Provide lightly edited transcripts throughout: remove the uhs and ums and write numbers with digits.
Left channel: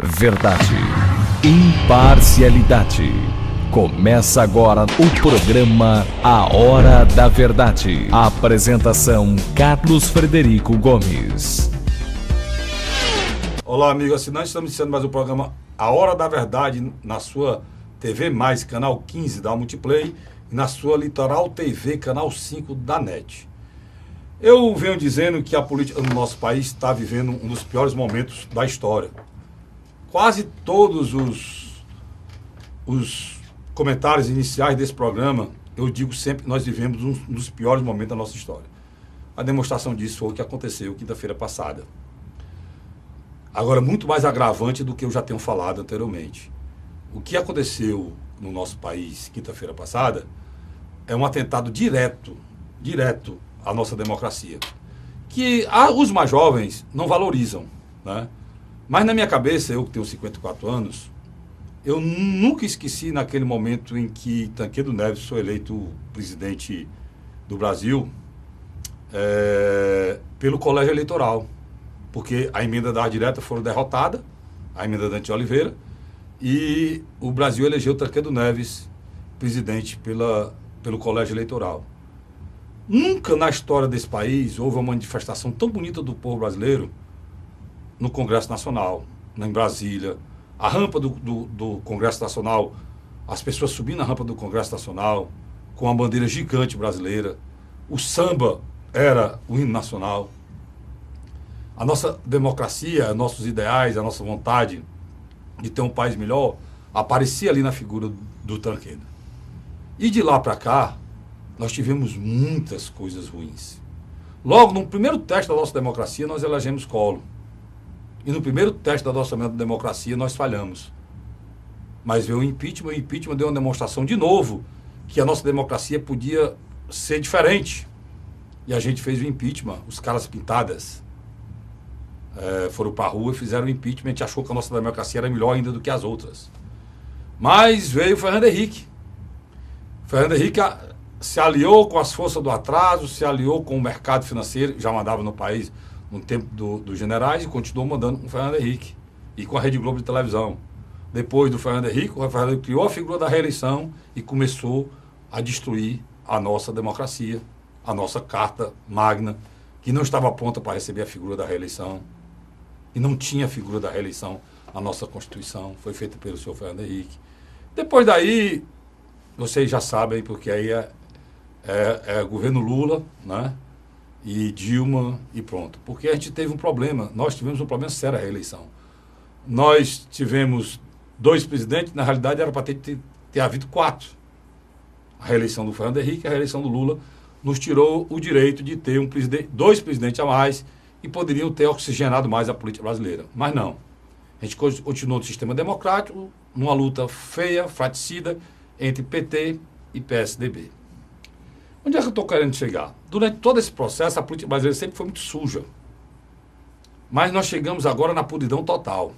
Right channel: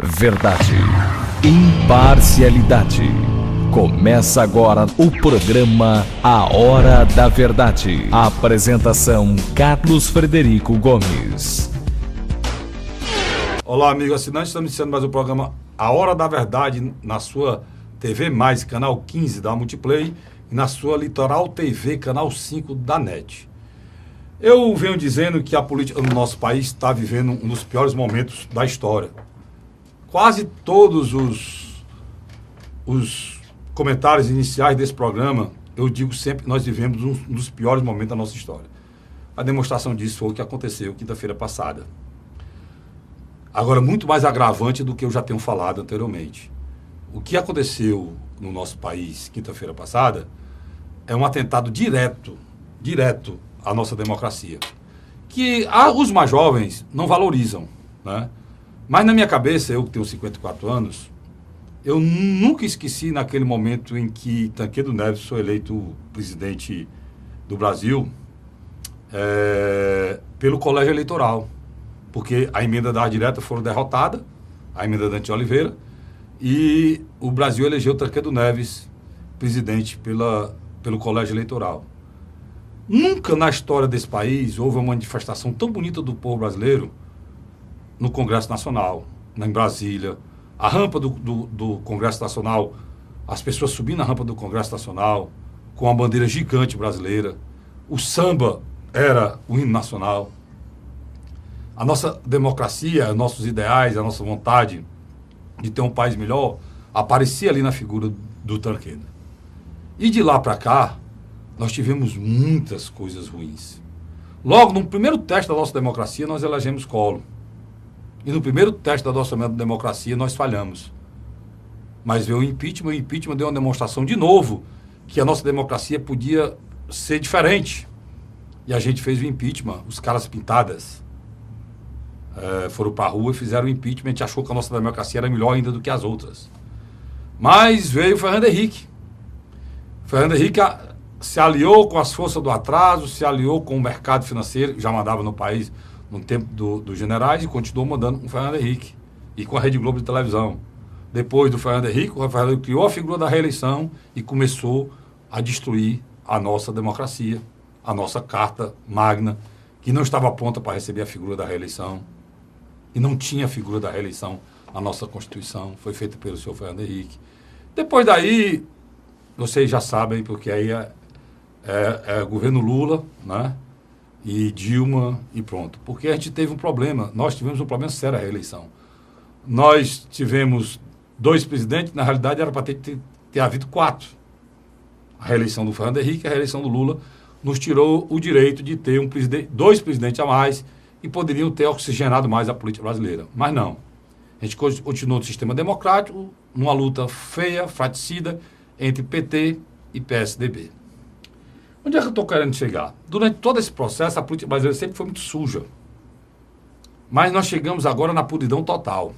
Verdade, imparcialidade. Começa agora o programa A Hora da Verdade. Apresentação Carlos Frederico Gomes. Olá, amigos assinantes, estamos iniciando mais o programa A Hora da Verdade na sua TV+, canal 15 da Multiplay, e na sua Litoral TV, canal 5 da NET. Eu venho dizendo que a política no nosso país está vivendo um dos piores momentos da história. Quase todos os comentários iniciais desse programa, eu digo sempre que nós vivemos um dos piores momentos da nossa história. A demonstração disso foi o que aconteceu quinta-feira passada. Agora, muito mais agravante do que eu já tenho falado anteriormente. O que aconteceu no nosso país quinta-feira passada é um atentado direto à nossa democracia, que os mais jovens não valorizam, né? Mas na minha cabeça, eu que tenho 54 anos, eu nunca esqueci naquele momento em que Tancredo Neves foi eleito presidente do Brasil pelo colégio eleitoral, porque a emenda da direta foi derrotada, a emenda da Dante Oliveira, e o Brasil elegeu Tancredo Neves presidente pelo colégio eleitoral. Nunca na história desse país houve uma manifestação tão bonita do povo brasileiro no Congresso Nacional, em Brasília. A rampa do Congresso Nacional, as pessoas subindo a rampa do Congresso Nacional com a bandeira gigante brasileira. O samba era o hino nacional. A nossa democracia, nossos ideais, a nossa vontade de ter um país melhor aparecia ali na figura do Tancredo. E de lá para cá, nós tivemos muitas coisas ruins. Logo, no primeiro teste da nossa democracia, nós elegemos Collor. E no primeiro teste da nossa democracia, nós falhamos. Mas veio o impeachment deu uma demonstração de novo que a nossa democracia podia ser diferente. E a gente fez o impeachment, os caras pintadas foram para a rua e fizeram o impeachment. A gente achou que a nossa democracia era melhor ainda do que as outras. Mas veio o Fernando Henrique. Fernando Henrique se aliou com as forças do atraso, se aliou com o mercado financeiro, que já mandava no país no tempo dos generais, e continuou mandando com o Fernando Henrique e com a Rede Globo de televisão. Depois do Fernando Henrique, o Fernando Henrique criou a figura da reeleição e começou a destruir a nossa democracia, a nossa carta magna, que não estava pronta para receber a figura da reeleição, e não tinha a figura da reeleição na nossa Constituição, foi feita pelo senhor Fernando Henrique. Depois daí, vocês já sabem, porque aí é governo Lula, né? E Dilma e pronto. Porque a gente teve um problema, nós tivemos um problema sério a reeleição. Nós tivemos 2 presidentes, na realidade era para ter havido 4. A reeleição do Fernando Henrique e a reeleição do Lula nos tirou o direito de ter 2 presidentes a mais e poderiam ter oxigenado mais a política brasileira. Mas não. A gente continuou no sistema democrático, numa luta feia, fratricida, entre PT e PSDB. Onde é que eu estou querendo chegar? Durante todo esse processo, a política brasileira sempre foi muito suja. Mas nós chegamos agora na podridão total.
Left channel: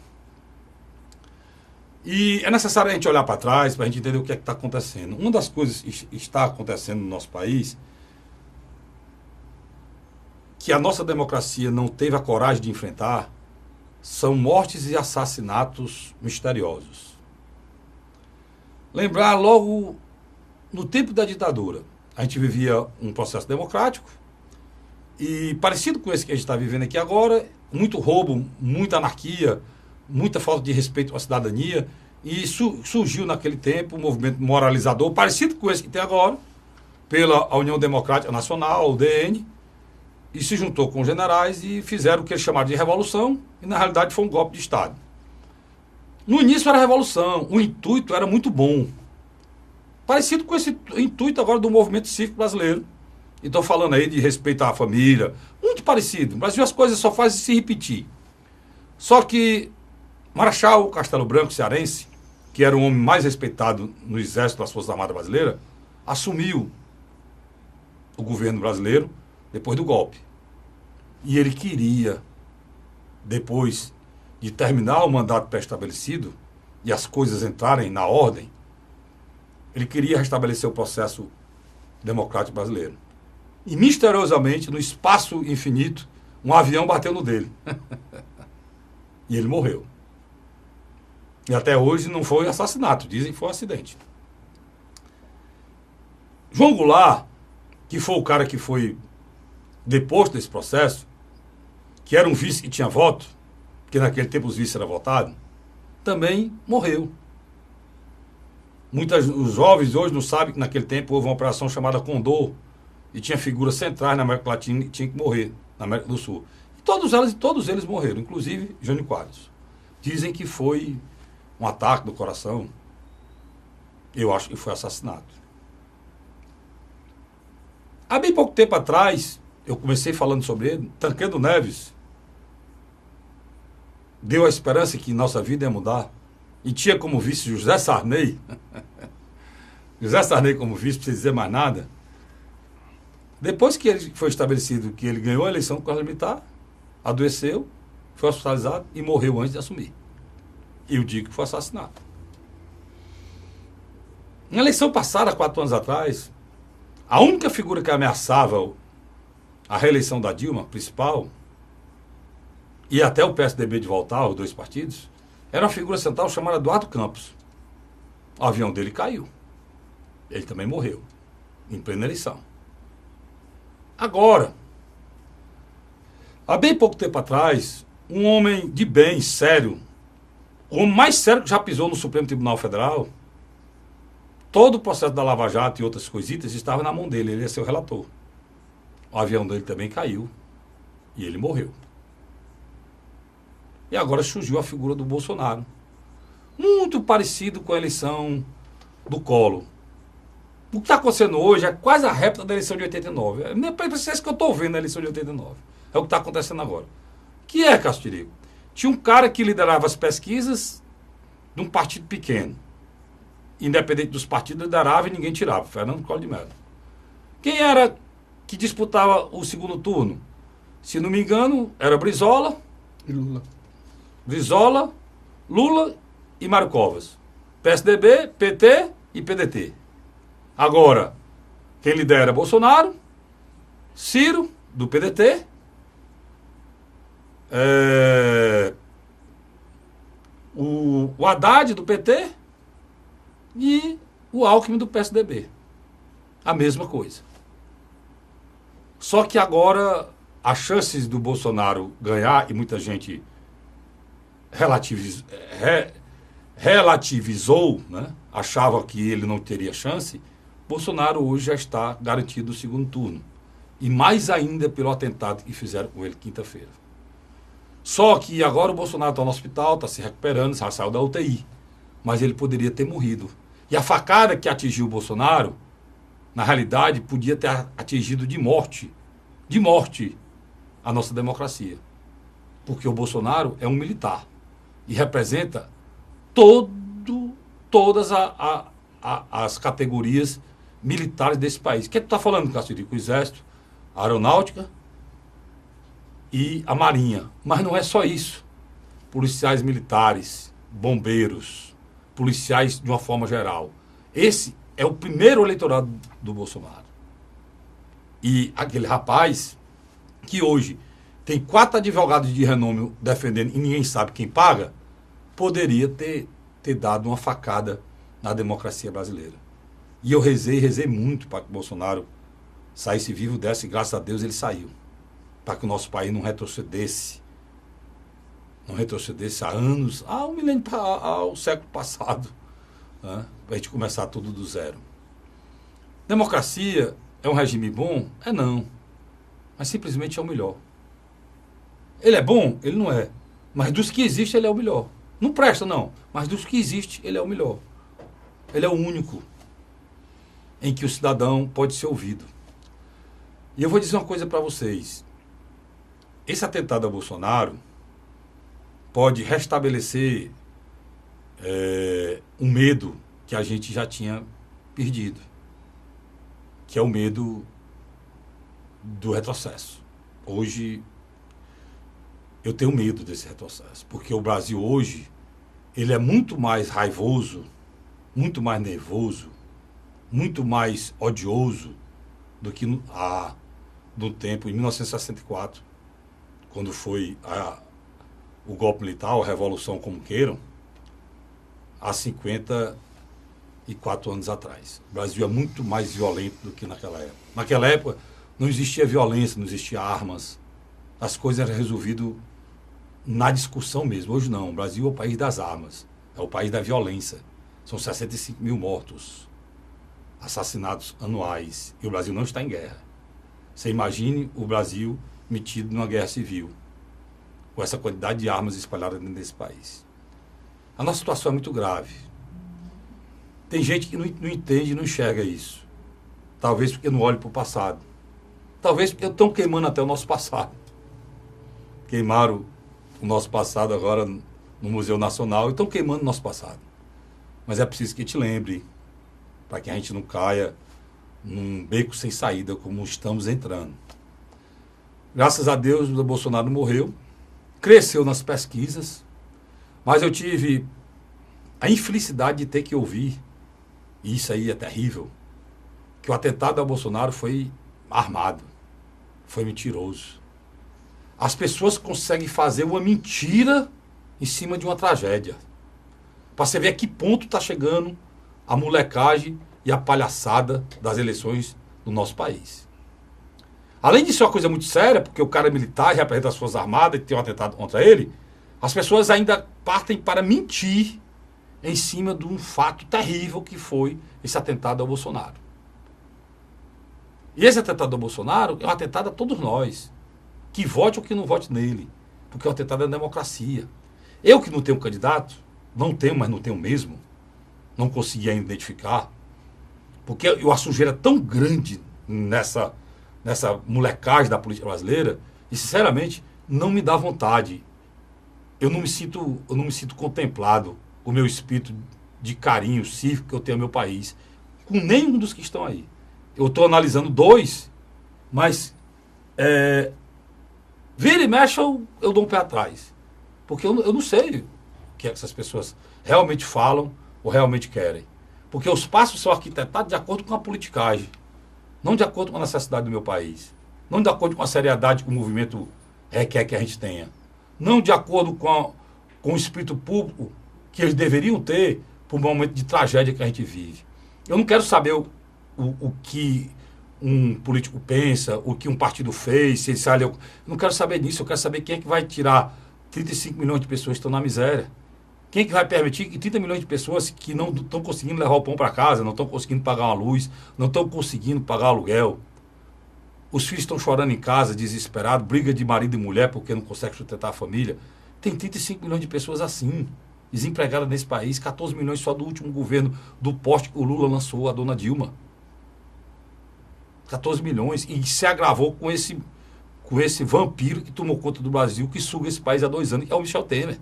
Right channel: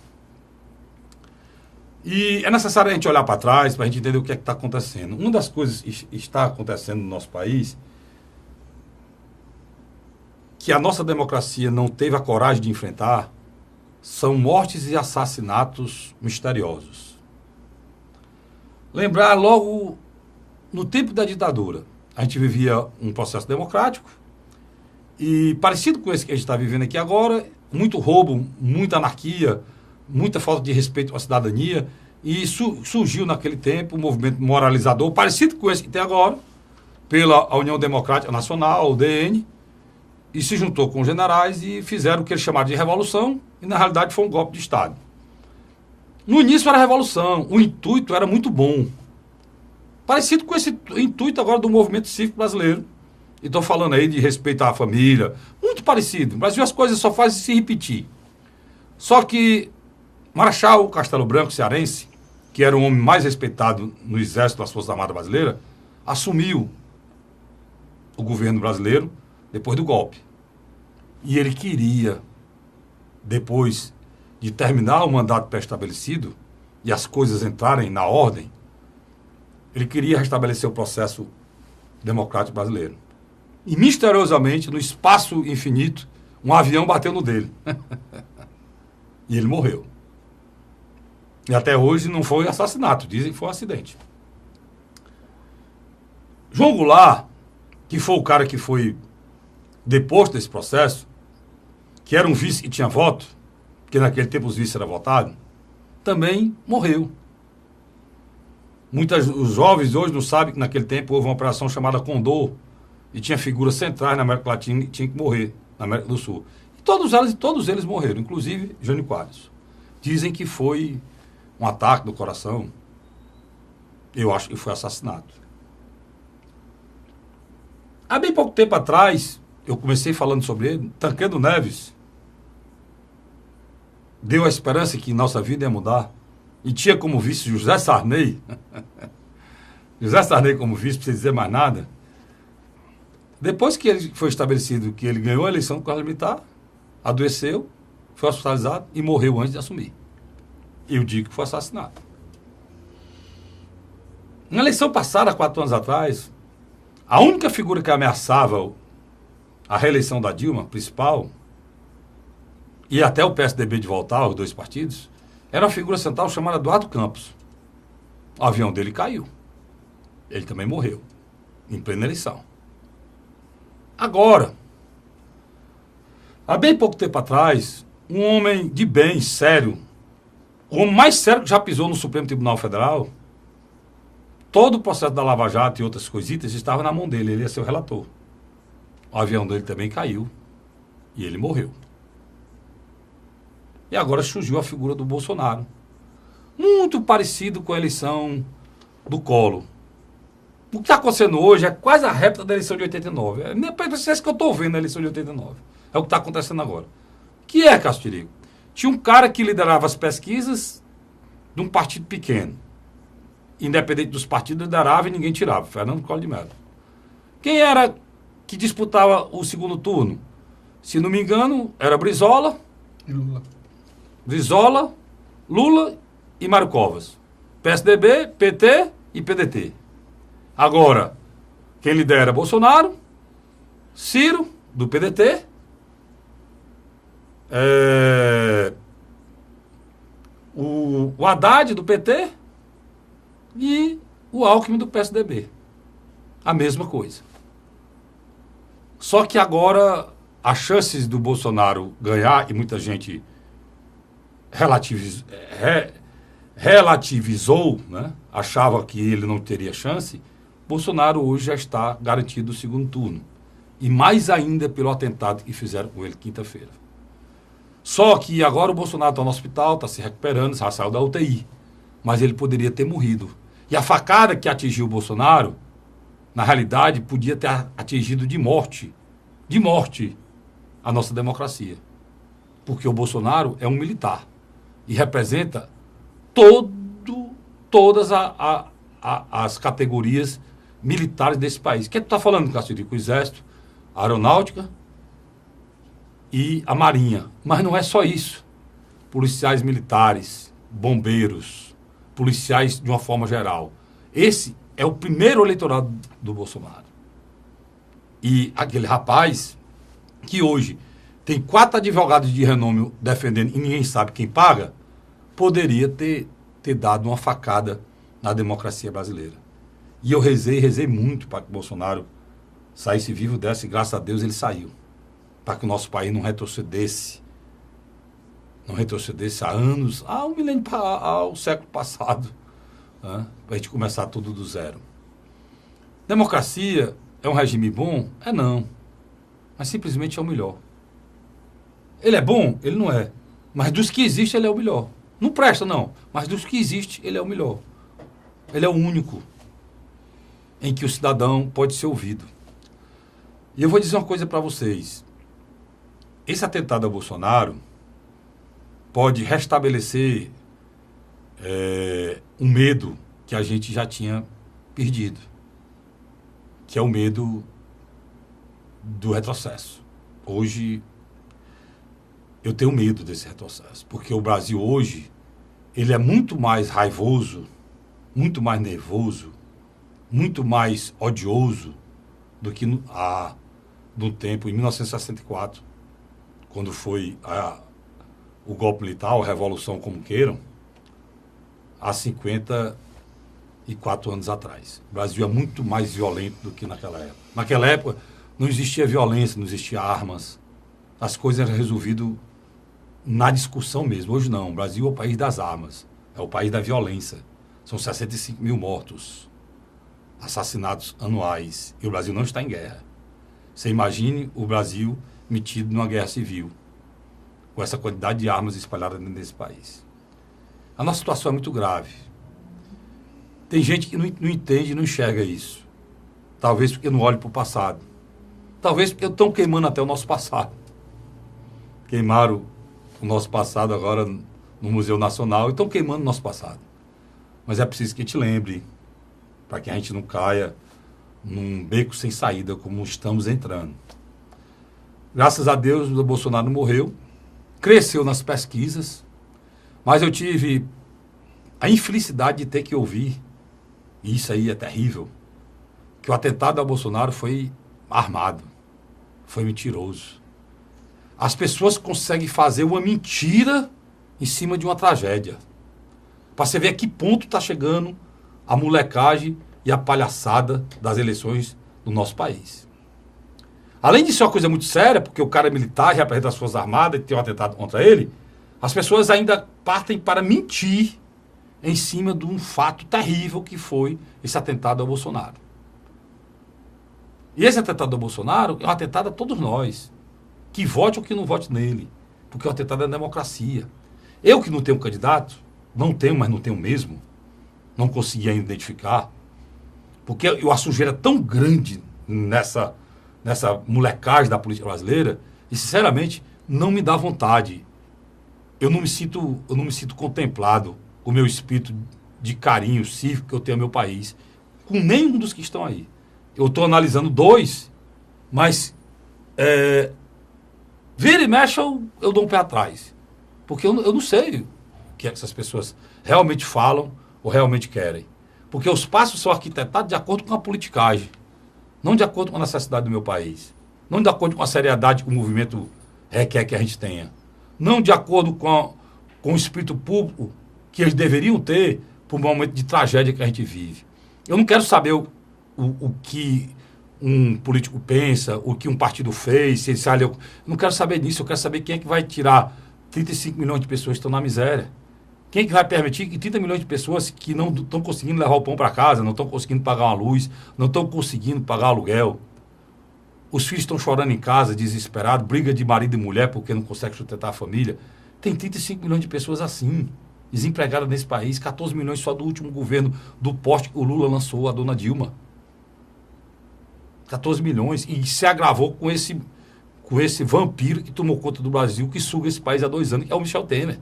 E é necessário a gente olhar para trás para a gente entender o que é que está acontecendo. Uma das coisas que está acontecendo no nosso país, que a nossa democracia não teve a coragem de enfrentar, são mortes e assassinatos misteriosos. Lembrar logo no tempo da ditadura, a gente vivia um processo democrático e parecido com esse que a gente está vivendo aqui agora, muito roubo, muita anarquia, muita falta de respeito à cidadania, e surgiu naquele tempo um movimento moralizador parecido com esse que tem agora, pela União Democrática Nacional, UDN, e se juntou com os generais e fizeram o que eles chamaram de revolução, e na realidade foi um golpe de Estado. No início era revolução, o intuito era muito bom. Parecido com esse intuito agora do movimento cívico brasileiro. E estou falando aí de respeitar a família. Muito parecido. No Brasil as coisas só fazem se repetir. Só que Marechal Castelo Branco, cearense, que era o homem mais respeitado no Exército das Forças Armadas Brasileiras, assumiu o governo brasileiro depois do golpe. E ele queria, depois de terminar o mandato pré-estabelecido e as coisas entrarem na ordem, ele queria restabelecer o processo democrático brasileiro. E, misteriosamente, no espaço infinito, um avião bateu no dele. E ele morreu. E até hoje não foi assassinato, dizem que foi um acidente. João Goulart, que foi o cara que foi deposto desse processo, que era um vice que tinha voto, porque naquele tempo os vices eram votados, também morreu. Os jovens hoje não sabem que naquele tempo houve uma operação chamada Condor, e tinha figuras centrais na América Latina e tinha que morrer na América do Sul. Todos eles morreram, inclusive Jânio Quadros. Dizem que foi um ataque do coração. Eu acho que foi assassinato. Há bem pouco tempo atrás, eu comecei falando sobre ele, Tancredo Neves deu a esperança que nossa vida ia mudar. E tinha como vice José Sarney. José Sarney como vice, não precisa dizer mais nada. Depois que ele foi estabelecido que ele ganhou a eleição do Colégio Militar, adoeceu, foi hospitalizado e morreu antes de assumir. Eu digo que foi assassinado. Na eleição passada, 4 anos atrás, a única figura que ameaçava a reeleição da Dilma, principal, e até o PSDB de voltar, os dois partidos, era uma figura central chamada Eduardo Campos. O avião dele caiu. Ele também morreu, em plena eleição. Agora, há bem pouco tempo atrás, um homem de bem, sério, o homem mais sério que já pisou no Supremo Tribunal Federal, todo o processo da Lava Jato e outras coisitas estava na mão dele, ele ia ser o relator. O avião dele também caiu e ele morreu. E agora surgiu a figura do Bolsonaro, muito parecido com a eleição do Collor. O que está acontecendo hoje é quase a réplica da eleição de 89. É isso que eu estou vendo na eleição de 89. É o que está acontecendo agora. Que é, Castirico? Tinha um cara que liderava as pesquisas de um partido pequeno. Independente dos partidos, liderava e ninguém tirava. Fernando Collor de Mello. Quem era que disputava o segundo turno? Se não me engano, era Brizola e Lula. Brizola, Lula e Mário Covas. PSDB, PT e PDT. Agora, quem lidera é Bolsonaro, Ciro, do PDT, o Haddad, do PT, e o Alckmin, do PSDB. A mesma coisa. Só que agora, as chances do Bolsonaro ganhar, e muita gente relativizou, né? Achava que ele não teria chance. Bolsonaro hoje já está garantido o segundo turno. E mais ainda pelo atentado que fizeram com ele quinta-feira. Só que agora o Bolsonaro está no hospital, está se recuperando, já saiu da UTI. Mas ele poderia ter morrido. E a facada que atingiu o Bolsonaro, na realidade, podia ter atingido de morte a nossa democracia. Porque o Bolsonaro é um militar. E representa todas as categorias militares desse país. O que tu está falando, Castilho? O Exército, a Aeronáutica e a Marinha. Mas não é só isso. Policiais militares, bombeiros, policiais de uma forma geral. Esse é o primeiro eleitorado do Bolsonaro. E aquele rapaz que hoje tem 4 advogados de renome defendendo e ninguém sabe quem paga, poderia ter dado uma facada na democracia brasileira. E eu rezei muito para que o Bolsonaro saísse vivo dessa, e graças a Deus ele saiu. Para que o nosso país não retrocedesse há anos, há um milênio, ao século passado, né? Para a gente começar tudo do zero. Democracia é um regime bom? É não. Mas simplesmente é o melhor. Ele é bom? Ele não é. Mas dos que existem, ele é o melhor. Não presta, não. Mas dos que existem, ele é o melhor. Ele é o único em que o cidadão pode ser ouvido. E eu vou dizer uma coisa para vocês. Esse atentado a Bolsonaro pode restabelecer um medo que a gente já tinha perdido, que é o medo do retrocesso. Hoje, eu tenho medo desse retrocesso, porque o Brasil hoje, ele é muito mais raivoso, muito mais nervoso, muito mais odioso do que no tempo, em 1964, quando foi o golpe militar, a revolução, como queiram, há 54 anos atrás. O Brasil é muito mais violento do que naquela época. Naquela época não existia violência, não existia armas. As coisas eram resolvidas na discussão mesmo. Hoje não. O Brasil é o país das armas. É o país da violência. São 65 mil mortos, assassinatos anuais. E o Brasil não está em guerra. Você imagine o Brasil metido numa guerra civil, com essa quantidade de armas espalhadas dentro desse país. A nossa situação é muito grave. Tem gente que não entende e não enxerga isso. Talvez porque não olha para o passado. Talvez porque estão queimando até o nosso passado. Queimaram o nosso passado agora no Museu Nacional e estão queimando o nosso passado. Mas é preciso que a gente lembre, para que a gente não caia num beco sem saída como estamos entrando. Graças a Deus, o Bolsonaro morreu, cresceu nas pesquisas, mas eu tive a infelicidade de ter que ouvir, e isso aí é terrível, que o atentado ao Bolsonaro foi armado, foi mentiroso. As pessoas conseguem fazer uma mentira em cima de uma tragédia. Para você ver a que ponto está chegando a molecagem e a palhaçada das eleições do nosso país. Além de ser uma coisa muito séria, porque o cara é militar, representa as Forças Armadas e tem um atentado contra ele, as pessoas ainda partem para mentir em cima de um fato terrível que foi esse atentado ao Bolsonaro. E esse atentado ao Bolsonaro é um atentado a todos nós, que vote ou que não vote nele, porque é um atentado à democracia. Eu que não tenho candidato, não tenho, mas não tenho mesmo, não consegui ainda identificar, porque a sujeira é tão grande nessa molecagem da política brasileira, e sinceramente não me dá vontade. Eu não me sinto contemplado com o meu espírito de carinho cívico que eu tenho ao meu país, com nenhum dos que estão aí. Eu estou analisando dois, mas vira e mexe eu dou um pé atrás. Porque eu não sei o que essas pessoas realmente falam ou realmente querem. Porque os passos são arquitetados de acordo com a politicagem, não de acordo com a necessidade do meu país, não de acordo com a seriedade que o movimento requer que a gente tenha, não de acordo com o espírito público que eles deveriam ter para o momento de tragédia que a gente vive. Eu não quero saber o que um político pensa, o que um partido fez, se ele sai. Eu não quero saber disso, eu quero saber quem é que vai tirar 35 milhões de pessoas que estão na miséria. Quem é que vai permitir que 30 milhões de pessoas que não estão conseguindo levar o pão para casa, não estão conseguindo pagar uma luz, não estão conseguindo pagar aluguel. Os filhos estão chorando em casa, desesperados, briga de marido e mulher porque não consegue sustentar a família. Tem 35 milhões de pessoas assim, desempregadas nesse país, 14 milhões só do último governo do poste que o Lula lançou, a dona Dilma. 14 milhões, e se agravou com esse vampiro que tomou conta do Brasil, que suga esse país há 2 anos, que é o Michel Temer.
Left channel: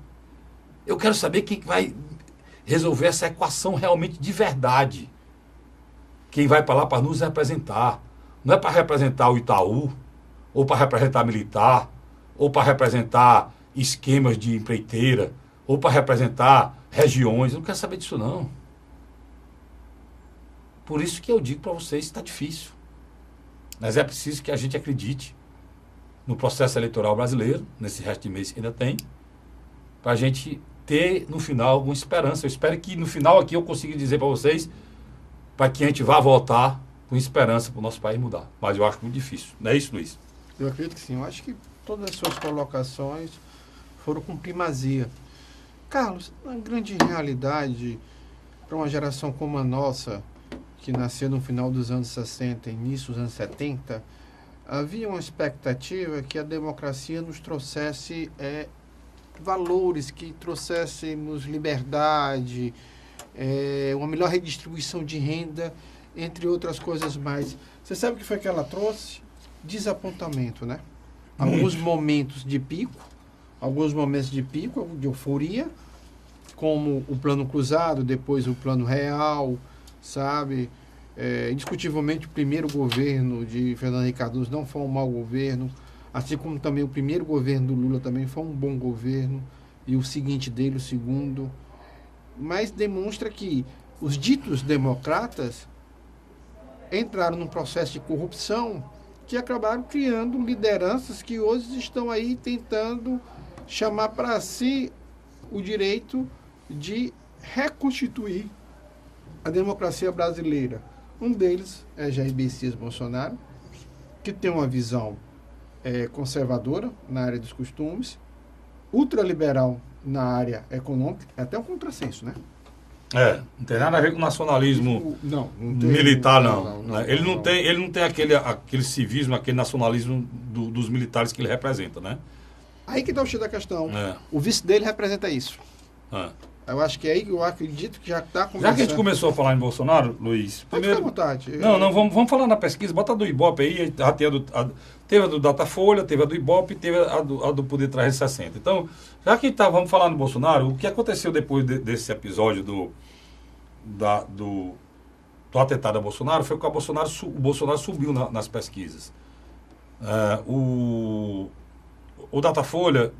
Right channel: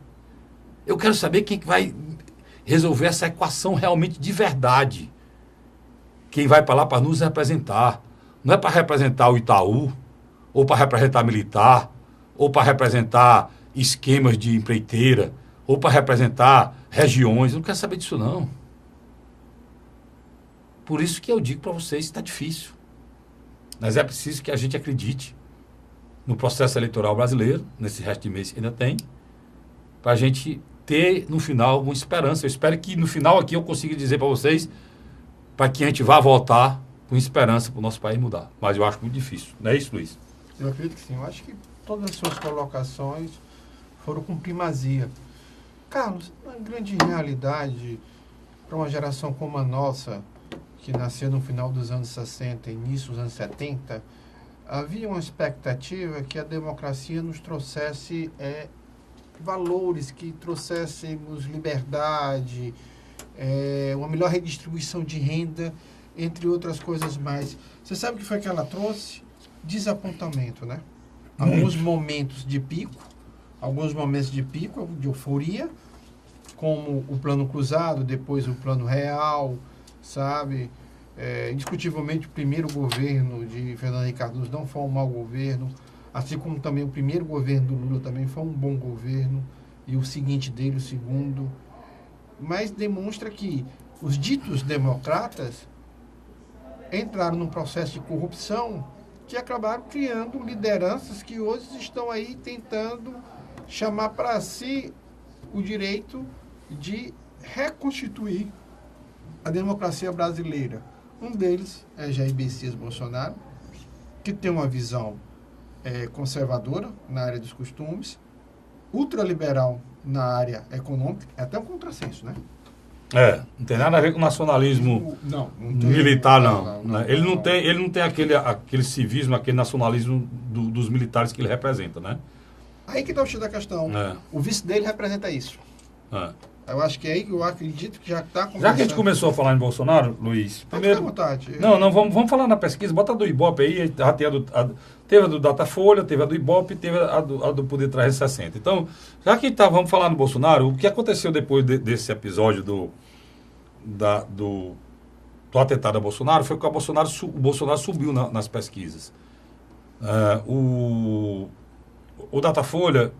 Eu quero saber quem vai resolver essa equação realmente de verdade. Quem vai para lá para nos representar. Não é para representar o Itaú, ou para representar militar, ou para representar esquemas de empreiteira, ou para representar regiões. Eu não quero saber disso, não. Por isso que eu digo para vocês que está difícil. Mas é preciso que a gente acredite no processo eleitoral brasileiro, nesse resto de mês que ainda tem, para a gente ter, no final, alguma esperança. Eu espero que, no final, aqui eu consiga dizer para vocês, para que a gente vá votar com esperança para o nosso país mudar. Mas eu acho muito difícil. Não é isso, Luiz? Eu acredito que sim. Eu acho que todas as suas colocações foram com primazia. Carlos, na grande realidade, para uma geração como a nossa, que nasceu no final dos anos 60 e início dos anos 70, havia uma expectativa que a democracia nos trouxesse valores, que trouxéssemos liberdade, uma melhor redistribuição de renda, entre outras coisas mais. Você sabe o que foi que ela trouxe? Desapontamento, né? Alguns momentos de pico, de euforia, como o plano cruzado, depois o plano real, sabe? Indiscutivelmente, o primeiro governo de Fernando Henrique Cardoso não foi um mau governo, assim como também o primeiro governo do Lula também foi um bom governo, e o seguinte dele, o segundo. Mas demonstra que os ditos democratas entraram num processo de corrupção que acabaram criando lideranças que hoje estão aí tentando chamar para si o direito de reconstituir a democracia brasileira. Um deles é Jair Messias Bolsonaro, que tem uma visão conservadora na área dos costumes, ultraliberal na área econômica, é até um contrassenso, né? Não tem nada a ver com nacionalismo militar, não. Ele não tem aquele civismo, aquele nacionalismo dos militares que ele representa, né? Aí que está o X da questão. O vice dele representa isso. Eu acho que aí eu acredito que já está começando. Já que a gente começou a falar em Bolsonaro, Luiz, primeiro... Pode ficar à vontade. Não, vamos falar na pesquisa, bota a do Ibope aí, já teve a do Datafolha, teve a do Ibope, teve a do Poder 360. Então, já que vamos falar no Bolsonaro, o que aconteceu depois desse episódio do atentado a Bolsonaro foi que o Bolsonaro subiu nas pesquisas. O Datafolha,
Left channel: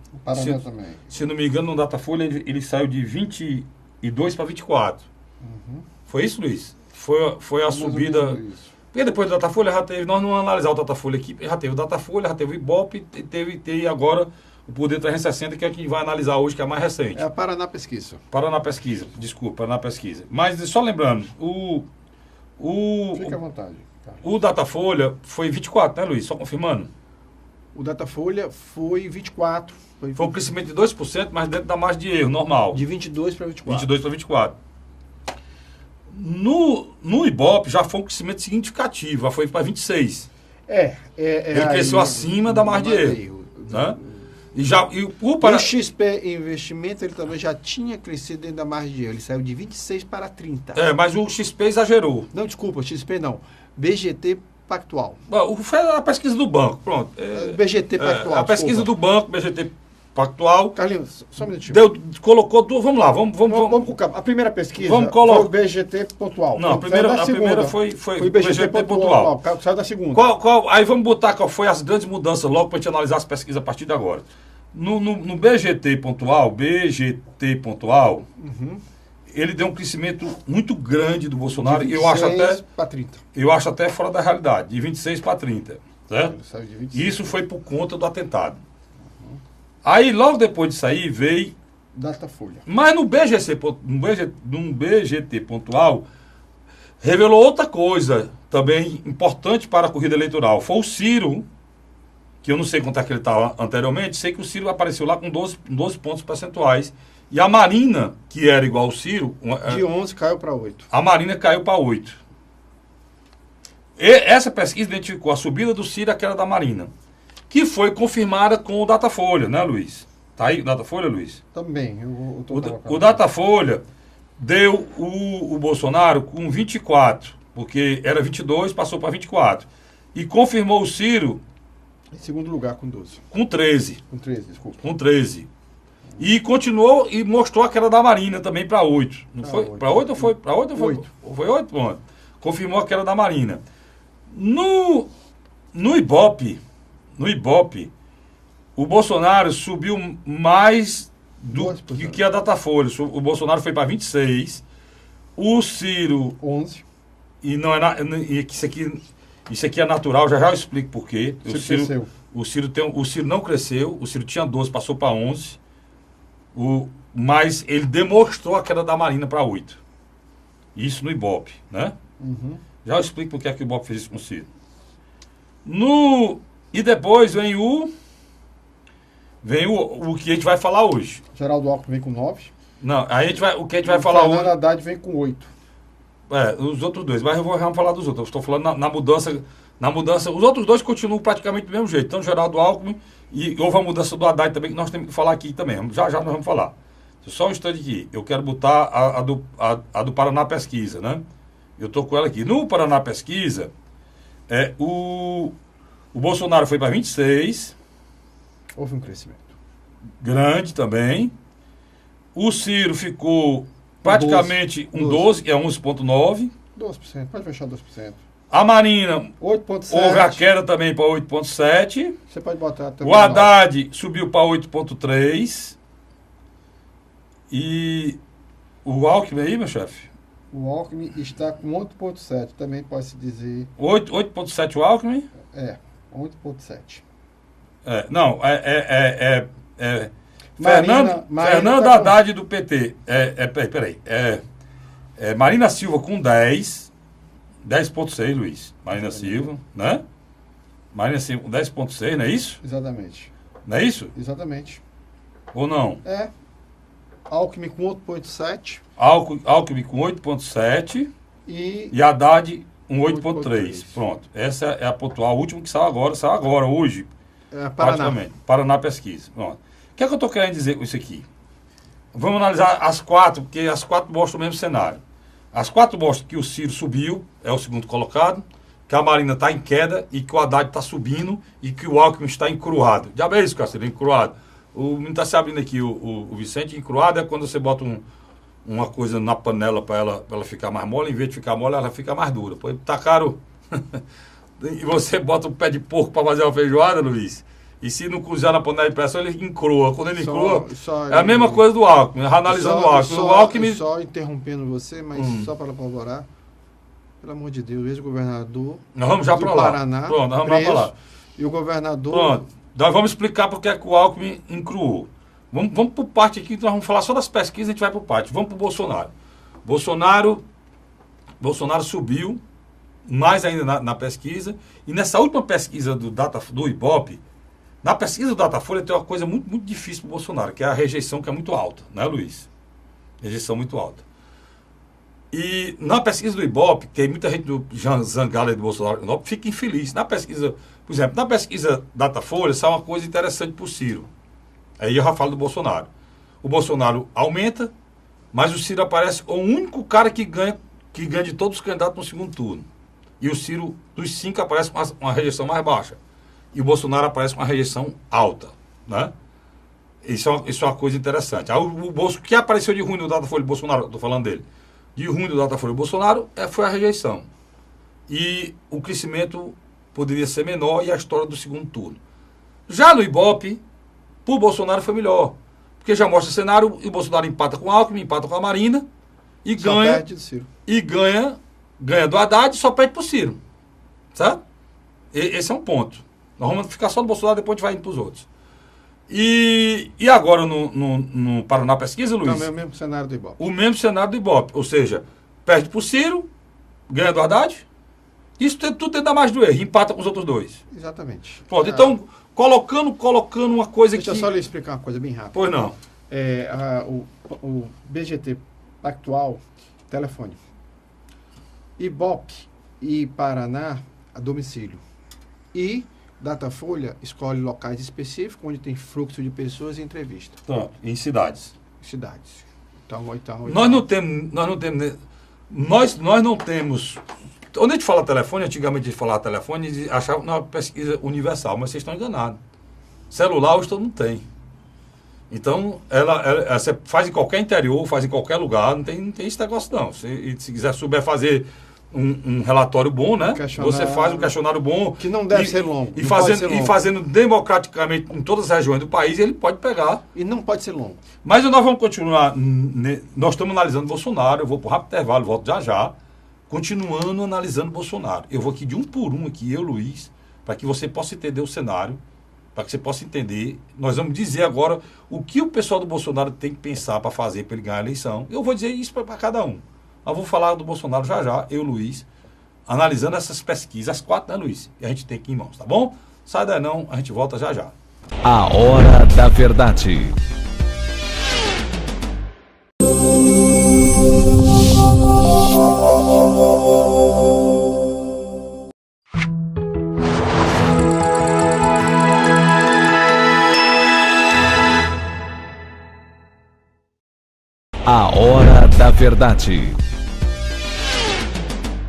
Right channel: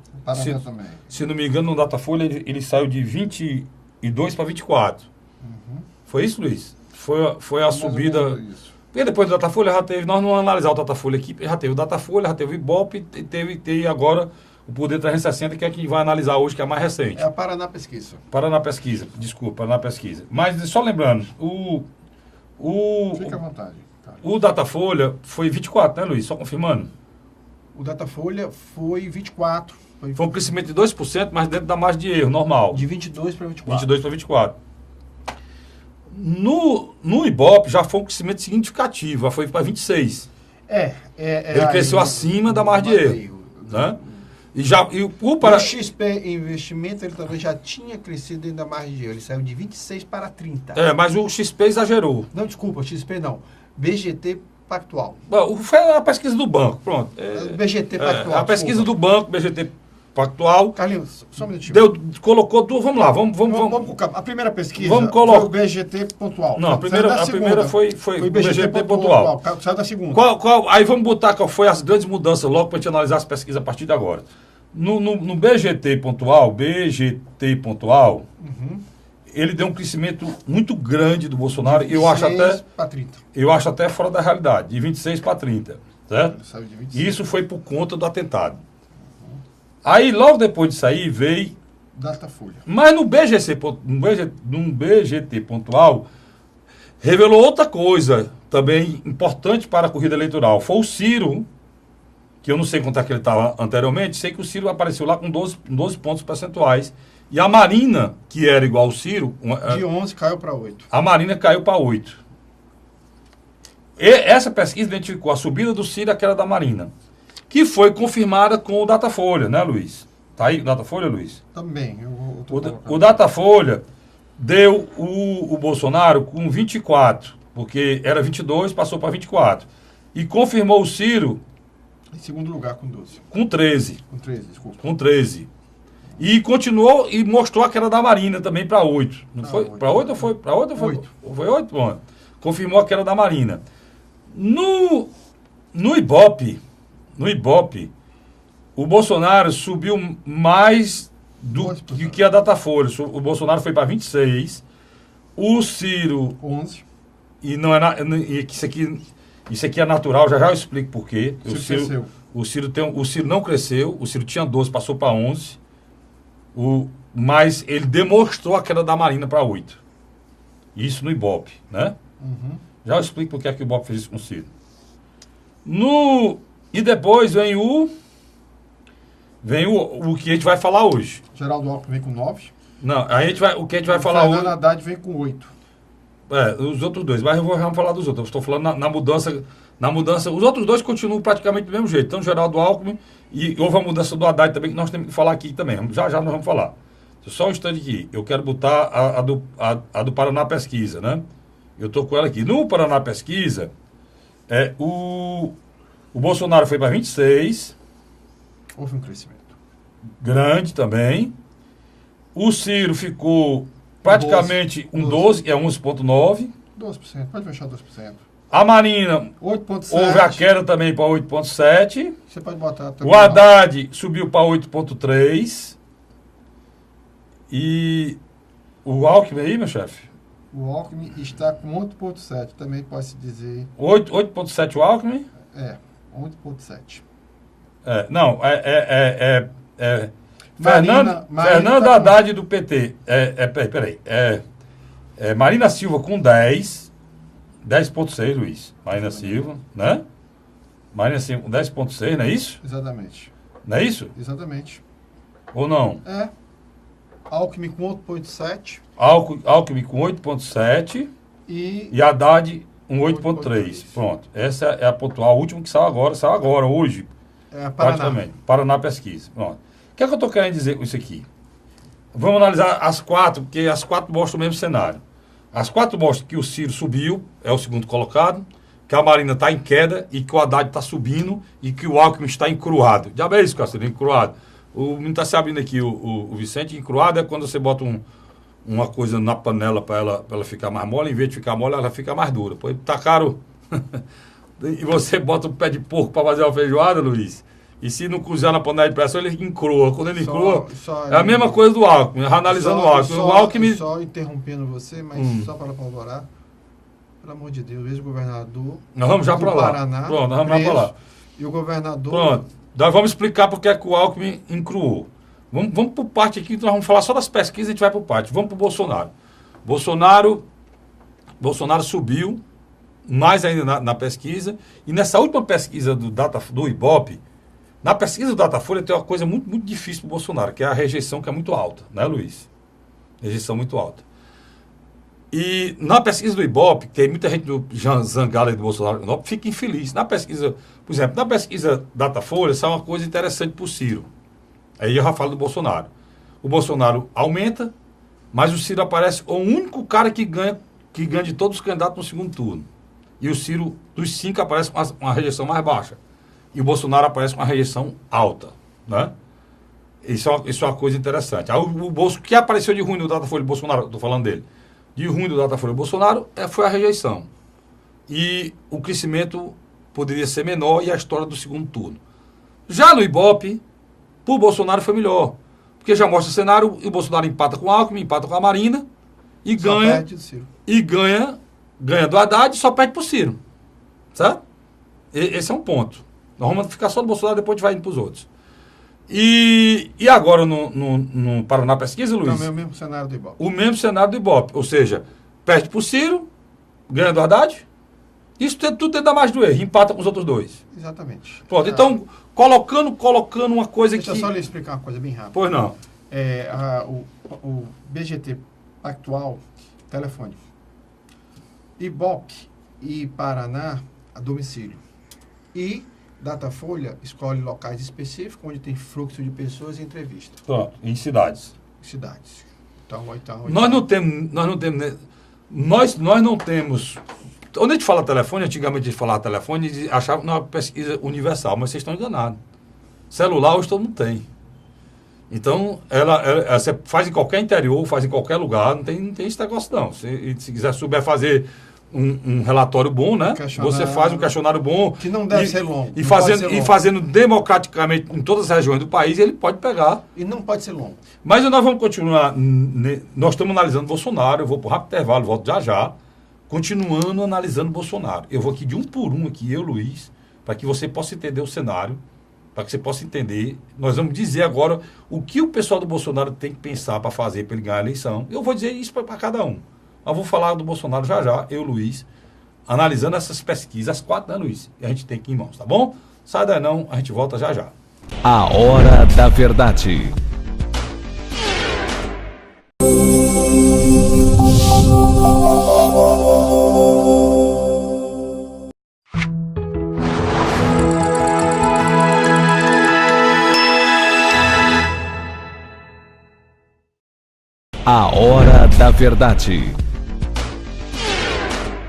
se não me engano, no Datafolha ele saiu de 22 para 24. Foi isso, Luiz? Foi a subida. E depois do Datafolha já teve, nós não vamos analisar o Datafolha aqui, já teve o Datafolha, já teve o Ibope, teve agora o Poder 360, que é quem vai analisar hoje, que é a mais recente. É a Paraná Pesquisa. Paraná Pesquisa. Mas só lembrando, Fique à vontade. Tá. O Datafolha foi 24, né, Luiz? Só confirmando. O Datafolha foi 24. Foi um crescimento de 2%, mas dentro da margem de erro, normal. De 22 para 24. 22 para 24. No Ibope já foi um crescimento significativo, já foi para 26. Ele cresceu acima da margem de erro. Né? O XP Investimentos ele também já tinha crescido dentro da margem de erro. Ele saiu de 26 para 30. Mas o XP exagerou. Não, desculpa, XP não. BGT Pactual. Foi a pesquisa do banco, pronto. BGT Pactual. A pesquisa do banco, BGT Pactual. Carlinhos, só um minutinho. Colocou duas. Vamos lá, vamos. A primeira pesquisa foi o BGT Pontual. Não, a primeira foi o BGT Pontual. Saiu da segunda. Aí vamos botar qual foi as grandes mudanças logo para a gente analisar as pesquisas a partir de agora. No BGT Pontual, ele deu um crescimento muito grande do Bolsonaro. Eu acho até fora da realidade, de 26 para 30. Certo? Saiu de 26. Isso foi por conta do atentado. Aí, logo depois disso aí, veio... Datafolha. Mas no BGT Pontual, revelou outra coisa também importante para a corrida eleitoral. Foi o Ciro, que eu não sei quanto é que ele estava anteriormente, sei que o Ciro apareceu lá com 12 pontos percentuais. E a Marina, que era igual ao Ciro... De 11 caiu para 8. A Marina caiu para 8. Essa pesquisa identificou a subida do Ciro e aquela da Marina, que foi confirmada com o Datafolha, né, Luiz? Tá aí o Datafolha, Luiz? Também. O Datafolha deu o Bolsonaro com 24, porque era 22, passou para 24. E confirmou o Ciro... Em segundo lugar, com 12. Com 13. Com 13, desculpa. Com 13. E continuou e mostrou aquela da Marina também para 8. Não foi? Para 8 ou foi? Para 8 ou foi? 8. Foi 8? Bom, confirmou aquela da Marina. No Ibope, o Bolsonaro subiu mais do que a Datafolha. O Bolsonaro foi para 26. O Ciro... 11. E não é isso aqui é natural, já eu explico por quê. O Ciro não cresceu, o Ciro tinha 12, passou para 11. Mas ele demonstrou a queda da Marina para 8. Isso no Ibope, né? Já eu explico por que é que o Ibope fez isso com o Ciro. E depois vem o que a gente vai falar hoje. Geraldo Alckmin vem com 9. Não, o que a gente vai falar hoje... Fernando Haddad vem com 8. Os outros dois, mas vamos falar dos outros. Eu estou falando na mudança. Os outros dois continuam praticamente do mesmo jeito. Então, Geraldo Alckmin e houve a mudança do Haddad também, que nós temos que falar aqui também. Já nós vamos falar. Só um instante aqui. Eu quero botar a do Paraná Pesquisa, né? Eu estou com ela aqui. No Paraná Pesquisa, o Bolsonaro foi para 26. Houve um crescimento. Grande também. O Ciro ficou praticamente 12, é 11,9%. 12%, pode fechar 2%. A Marina 8,7%. houve a queda também para 8,7%. Você pode botar até o Haddad subiu para 8,3%. E o Alckmin aí, meu chefe? O Alckmin está com 8,7%, também pode-se dizer. 8,7% o Alckmin? 8,7%. Fernando Haddad do PT. Peraí. Marina Silva com 10,6, Luiz. Marina Silva, né? Marina Silva com 10,6, não é isso? Exatamente. Não é isso? Exatamente. Ou não? Alckmin com 8,7. Alckmin com 8,7 e Haddad com 8,3. Pronto. Essa é a pontual, o último que saiu agora, hoje. Praticamente. Paraná Pesquisa. Pronto. O que é que eu estou querendo dizer com isso aqui? Vamos analisar as quatro, porque as quatro mostram o mesmo cenário. As quatro mostram que o Ciro subiu, é o segundo colocado, que a Marina está em queda e que o Haddad está subindo e que o Alckmin está encruado. Já é isso, Cacete, encruado. O menino está se abrindo aqui, o Vicente, encruado é quando você bota uma coisa na panela para ela ficar mais mole, em vez de ficar mole, ela fica mais dura. Pô, tá caro. E você bota um pé de porco para fazer uma feijoada, Luiz, e se não cozinhar na panela de pressão, ele encrua. Quando ele encrua, é a mesma coisa do Alckmin, analisando o Alckmin. O Alckmin... Só interrompendo você, mas só para corroborar, pelo amor de Deus, ex-governador. Nós vamos já para lá. Paraná, pronto, nós vamos para lá. E o governador. Pronto, nós vamos explicar porque é que o Alckmin encruou. Vamos por parte aqui, nós vamos falar só das pesquisas, a gente vai por parte. Vamos para o Bolsonaro. Bolsonaro subiu mais ainda na pesquisa, e nessa última pesquisa do Ibope, na pesquisa do Datafolha tem uma coisa muito, muito difícil para o Bolsonaro, que é a rejeição, que é muito alta, né, Luiz? Rejeição muito alta. E na pesquisa do Ibope, tem muita gente do zangada do Bolsonaro, fica infeliz. Na pesquisa, por exemplo, na pesquisa Datafolha, isso é uma coisa interessante para o Ciro. Aí eu já falo do Bolsonaro. O Bolsonaro aumenta, mas o Ciro aparece o único cara que ganha de todos os candidatos no segundo turno. E o Ciro, dos 5, aparece com uma rejeição mais baixa. E o Bolsonaro aparece com uma rejeição alta, né? Isso é uma coisa interessante. Aí o que apareceu de ruim no Datafolha do Bolsonaro, estou falando dele, de ruim do Datafolha do Bolsonaro foi a rejeição. E o crescimento poderia ser menor e a história do segundo turno. Já no Ibope, para o Bolsonaro foi melhor. Porque já mostra o cenário, e o Bolsonaro empata com o Alckmin, empata com a Marina, e ganha do Haddad e só perde para o Ciro. Certo? Esse é um ponto. Nós vamos ficar só no Bolsonaro, depois a gente vai indo para os outros. E agora no Paraná Pesquisa, Luiz? Também é o mesmo cenário do Ibope. O mesmo cenário do Ibope. Ou seja, perde para o Ciro, ganha do Haddad. Isso tudo tenta mais do erro, empata com os outros dois. Exatamente. Pronto, então, colocando uma coisa Deixa que... eu só lhe explicar uma coisa bem rápida. Pois não. O BGT Pactual, telefone. Ibope e Paraná, a domicílio. E Datafolha escolhe locais específicos, onde tem fluxo de pessoas e entrevista. Pronto, em cidades. Cidades. Então, Nós não temos... Quando a gente fala telefone, antigamente a gente falava telefone e achava que não era uma pesquisa universal, mas vocês estão enganados. Celular hoje todo mundo tem. Então, você faz em qualquer interior, faz em qualquer lugar, não tem esse negócio não. Se quiser souber fazer um relatório bom, né? Você faz um questionário bom. Que não deve ser longo. E fazendo democraticamente em todas as regiões do país, ele pode pegar. E não pode ser longo. Mas nós vamos continuar. Nós estamos analisando Bolsonaro, eu vou para o rápido intervalo, volto já. Continuando analisando Bolsonaro. Eu vou aqui de um por um, eu, Luiz, para que você possa entender o cenário, para que você possa entender. Nós vamos dizer agora o que o pessoal do Bolsonaro tem que pensar para fazer para ele ganhar a eleição. Eu vou dizer isso para cada um. Nós vamos falar do Bolsonaro já, eu, Luiz, analisando essas pesquisas, as 4, né, Luiz? A gente tem aqui em mãos, tá bom? Sai daí não, a gente volta já. A Hora da Verdade. A Hora da Verdade.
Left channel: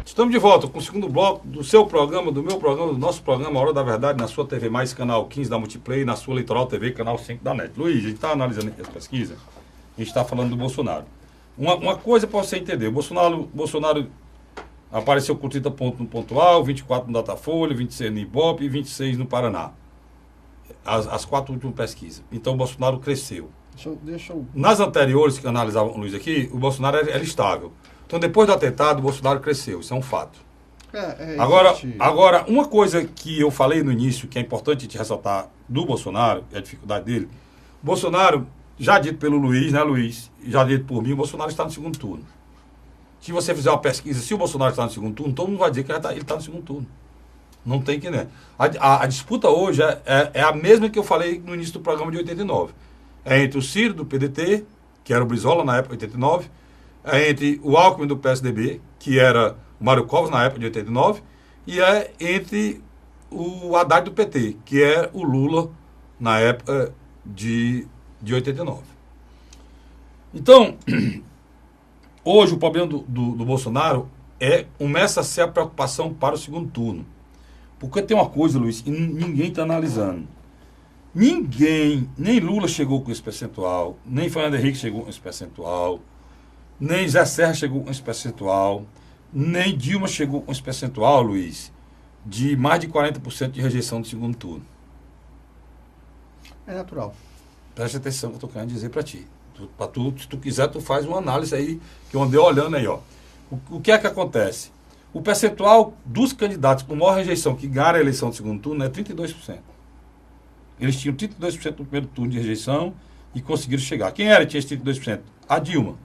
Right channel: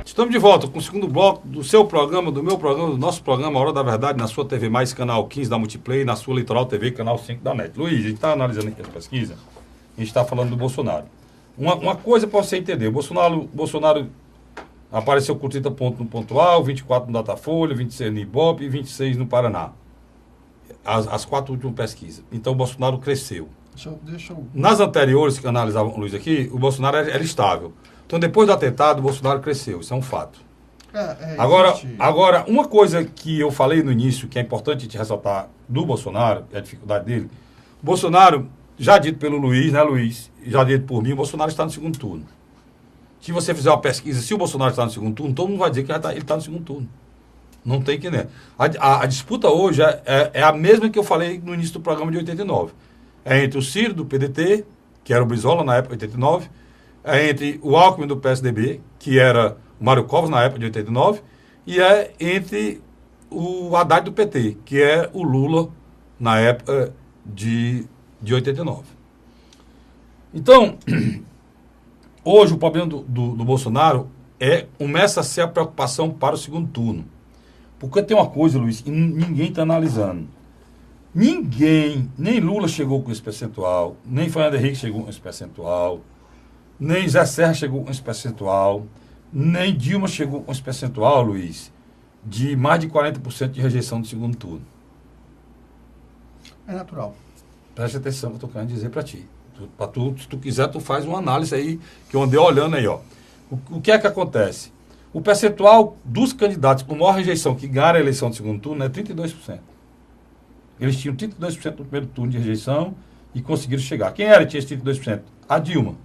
Estamos de volta com o segundo bloco do seu programa, do meu programa, do nosso programa, A Hora da Verdade, na sua TV Mais, canal 15 da Multiplay, na sua Litoral TV, canal 5 da NET. Luiz, a gente está analisando aqui as pesquisas, a gente está falando do Bolsonaro. Uma coisa para você entender, o Bolsonaro apareceu com 30 pontos no Pontual, 24 no Datafolha, 26 no Ibope e 26 no Paraná. As 4 últimas pesquisas. Então o Bolsonaro cresceu. Nas anteriores que analisavam o Luiz aqui, o Bolsonaro era estável. Então, depois do atentado, o Bolsonaro cresceu. Isso é um fato. Agora, uma coisa que eu falei no início, que é importante te ressaltar do Bolsonaro, é a dificuldade dele. O Bolsonaro, já dito pelo Luiz, né, Luiz? Já dito por mim, o Bolsonaro está no segundo turno. Se você fizer uma pesquisa, se o Bolsonaro está no segundo turno, todo mundo vai dizer que ele está no segundo turno. Não tem que nem. A disputa hoje é a mesma que eu falei no início do programa de 89. É entre o Ciro, do PDT, que era o Brizola na época de 89, é entre o Alckmin, do PSDB, que era o Mário Covas na época de 89, e é entre o Haddad do PT, que é o Lula na época de 89. Então, hoje o problema do Bolsonaro começa a ser a preocupação para o segundo turno. Porque tem uma coisa, Luiz, que ninguém está analisando. Ninguém, nem Lula chegou com esse percentual, nem Fernando Henrique chegou com esse percentual, nem Zé Serra chegou com esse percentual, nem Dilma chegou com esse percentual, Luiz, de mais de 40% de rejeição do segundo turno. É natural. Presta atenção que eu estou querendo dizer para ti. Se tu quiser, tu faz uma análise aí, que eu andei olhando aí, ó. O que é que acontece? O percentual dos candidatos com maior rejeição que ganharam a eleição do segundo turno é 32%. Eles tinham 32% no primeiro turno de rejeição e conseguiram chegar. Quem era que tinha esse 32%? A Dilma.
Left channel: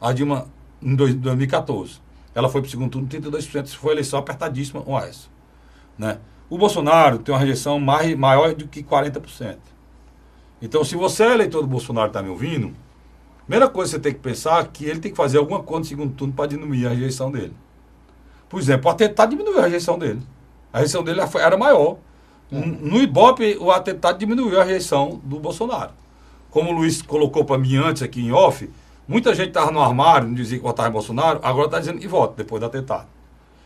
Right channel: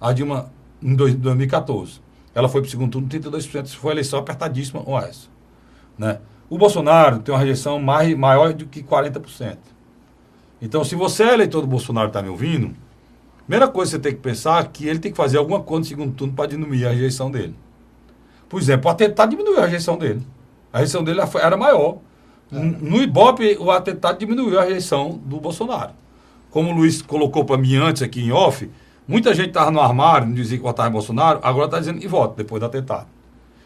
A Dilma, em 2014. Ela foi para o segundo turno 32%. Isso foi uma eleição apertadíssima com essa. Né? O Bolsonaro tem uma rejeição maior do que 40%. Então, se você é eleitor do Bolsonaro e está me ouvindo, a primeira coisa que você tem que pensar é que ele tem que fazer alguma coisa no segundo turno para diminuir a rejeição dele. Por exemplo, o atentado diminuiu a rejeição dele. A rejeição dele era maior. No Ibope, o atentado diminuiu a rejeição do Bolsonaro. Como o Luiz colocou para mim antes aqui em off, muita gente estava no armário, não dizia que votava em Bolsonaro, agora está dizendo que vota depois do atentado.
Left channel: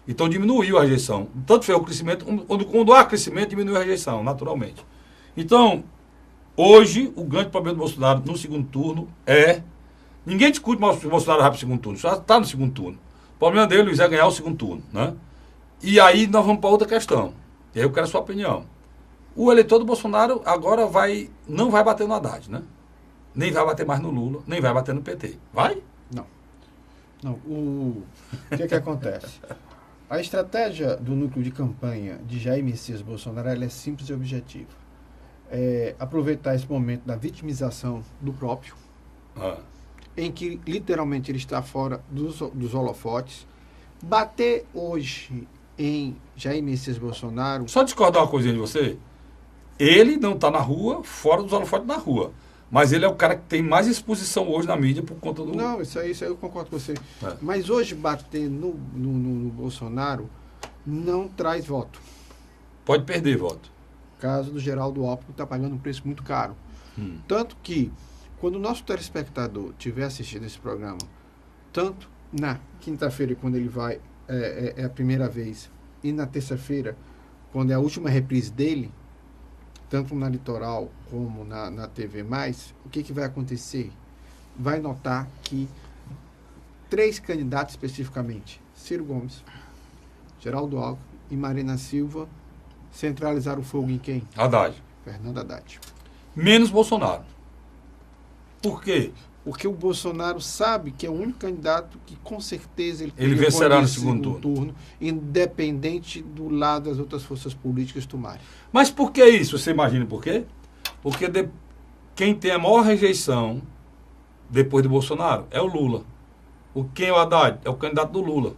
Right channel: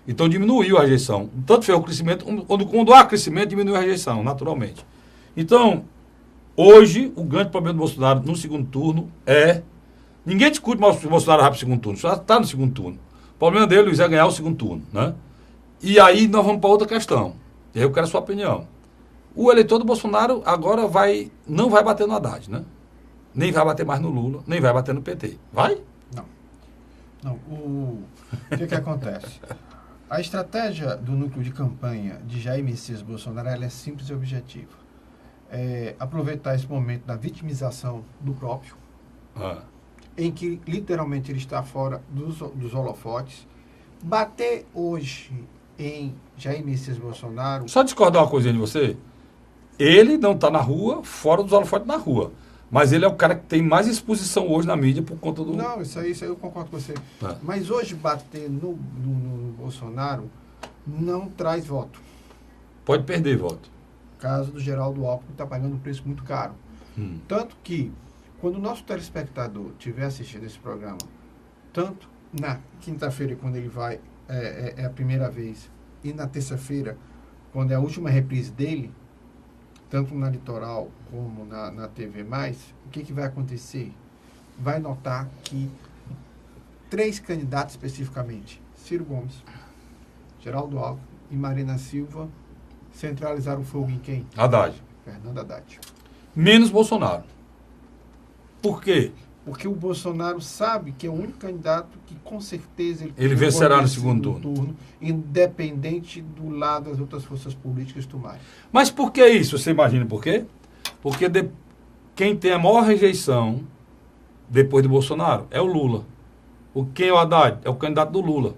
Então diminuiu a rejeição. Tanto foi o crescimento, quando há crescimento, diminui a rejeição, naturalmente. Então, hoje, o grande problema do Bolsonaro no segundo turno é... Ninguém discute mais se o Bolsonaro vai para o segundo turno, só está no segundo turno. O problema dele, Luiz, é ganhar o segundo turno, né? E aí nós vamos para outra questão. E aí eu quero a sua opinião. O eleitor do Bolsonaro agora não vai bater no Haddad, né? Nem vai bater mais no Lula, nem vai bater no PT. Vai? Não. O que acontece? A estratégia do núcleo de campanha de Jair Messias Bolsonaro ela é simples e objetiva. É aproveitar esse momento da vitimização do próprio, em que literalmente ele está fora dos holofotes, bater hoje em Jair Messias Bolsonaro... Só discordar uma coisinha de você. Ele não está na rua, fora dos holofotes na rua. Mas ele é o cara que tem mais exposição hoje na mídia por conta do... Não, isso aí eu concordo com você. É. Mas hoje bater no Bolsonaro não traz voto. Pode perder voto. Caso do Geraldo Alckmin está pagando um preço muito caro. Tanto que, quando o nosso telespectador tiver assistido esse programa, tanto na quinta-feira, quando ele vai, é a primeira vez, e na terça-feira, quando é a última reprise dele, tanto na Litoral como na TV+, o que vai acontecer? Vai notar que 3 candidatos especificamente, Ciro Gomes, Geraldo Alckmin e Marina Silva, centralizaram o fogo em quem? Haddad. Fernando Haddad. Menos Bolsonaro. Por quê? Porque o Bolsonaro sabe que é o único candidato que, com certeza, ele vencerá no segundo turno, independente do lado das outras forças políticas tomarem. Mas por que isso? Você imagina por quê? Porque quem tem a maior rejeição depois do Bolsonaro é o Lula. Quem é o Haddad? É o candidato do Lula.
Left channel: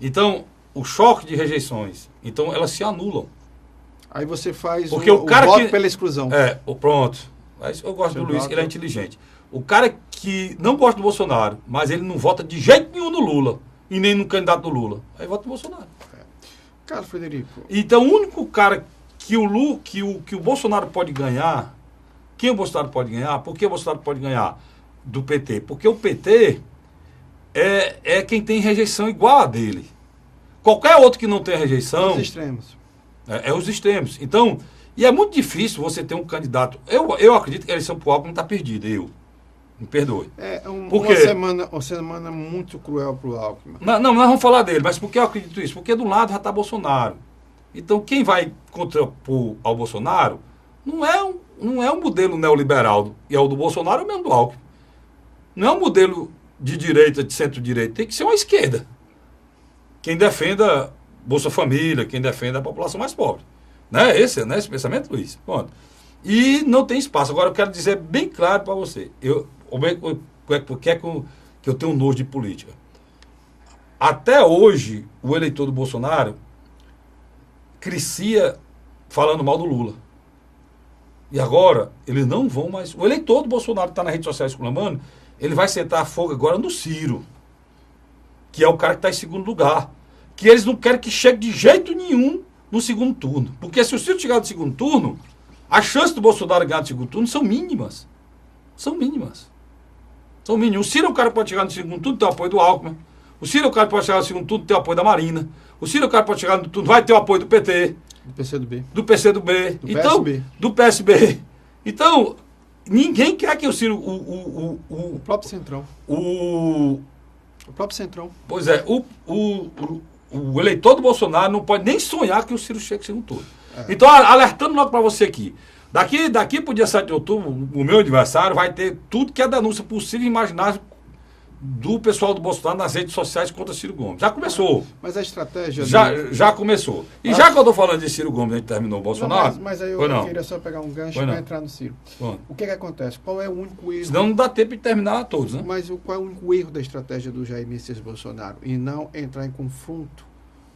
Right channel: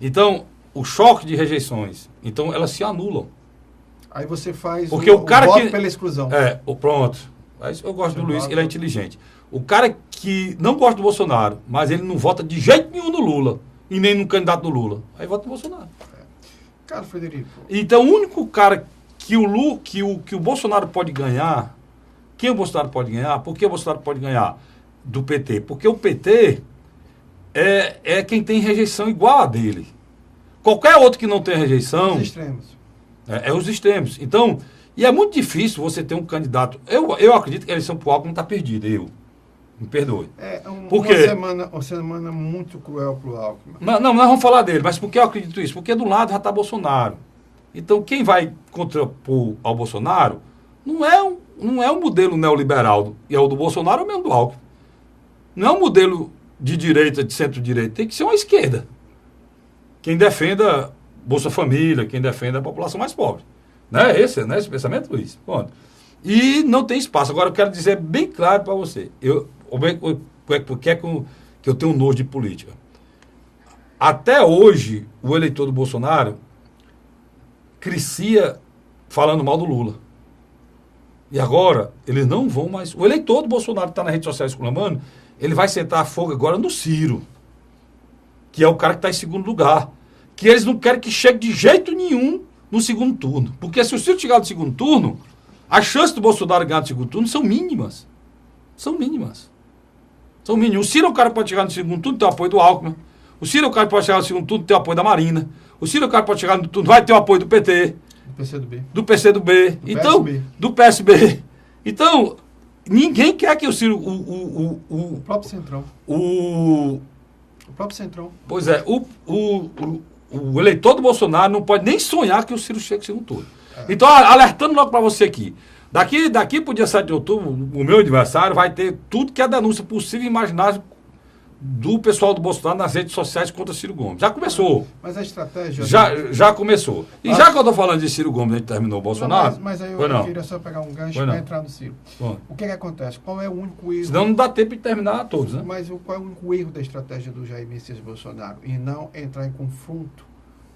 Então, o choque de rejeições, então elas se anulam. Aí você faz porque o cara voto pela exclusão. Pronto. Mas eu gosto do Luiz, que ele é inteligente. O cara que não gosta do Bolsonaro, mas ele não vota de jeito nenhum no Lula, e nem no candidato do Lula, aí vota no Bolsonaro. Carlos Frederico. Então, o único cara que o Bolsonaro pode ganhar, quem o Bolsonaro pode ganhar? Por que o Bolsonaro pode ganhar do PT? Porque o PT é quem tem rejeição igual a dele. Qualquer outro que não tenha rejeição... Os extremos. Os extremos. Então, e é muito difícil você ter um candidato... Eu acredito que a eleição pro Alckmin está perdida, me perdoe. Uma semana muito cruel pro Alckmin. Não, nós vamos falar dele, mas por que eu acredito isso? Porque do lado já está Bolsonaro. Então, quem vai contrapor ao Bolsonaro não é um modelo neoliberal, e é o do Bolsonaro é o mesmo do Alckmin. Não é um modelo de direita, de centro-direita, tem que ser uma esquerda. Quem defenda Bolsa Família, quem defenda a população mais pobre. Não é esse pensamento, Luiz? Pronto. E não tem espaço. Agora, eu quero dizer bem claro para você. Por que é que eu tenho nojo de política? Até hoje, o eleitor do Bolsonaro crescia falando mal do Lula. E agora, eles não vão mais... O eleitor do Bolsonaro que está nas redes sociais exclamando, ele vai sentar a fogo agora no Ciro, que é o cara que está em segundo lugar. Que eles não querem que chegue de jeito nenhum no segundo turno. Porque se o Ciro chegar no segundo turno, as chances do Bolsonaro ganhar no segundo turno são mínimas. São mínimas. São mínimas. O Ciro é o cara que pode chegar no segundo turno, tem o apoio do Alckmin. O Ciro é o cara que pode chegar no segundo turno, tem o apoio da Marina. O Ciro é o cara que pode chegar no turno, vai ter o apoio do PT. Do PCdoB. Do PCdoB. Do Então, PSB. do PSB. Então, ninguém quer que o Ciro... O próprio Centrão. O próprio Centrão. Pois é, o eleitor do Bolsonaro não pode nem sonhar que o Ciro chegue no segundo turno. Então, alertando logo para você aqui. Daqui para o dia 7 de outubro, o meu aniversário, vai ter tudo que é denúncia possível e imaginável do pessoal do Bolsonaro nas redes sociais contra Ciro Gomes. Já começou. Mas a estratégia... Já começou. E já que eu estou falando de Ciro Gomes, a gente terminou o Bolsonaro... Mas aí eu queria só pegar um gancho para entrar no Ciro. Bom. O que acontece? Qual é o único erro... Senão não dá tempo de terminar todos, né? Mas qual é o único erro da estratégia do Jair Messias Bolsonaro? E não entrar em confronto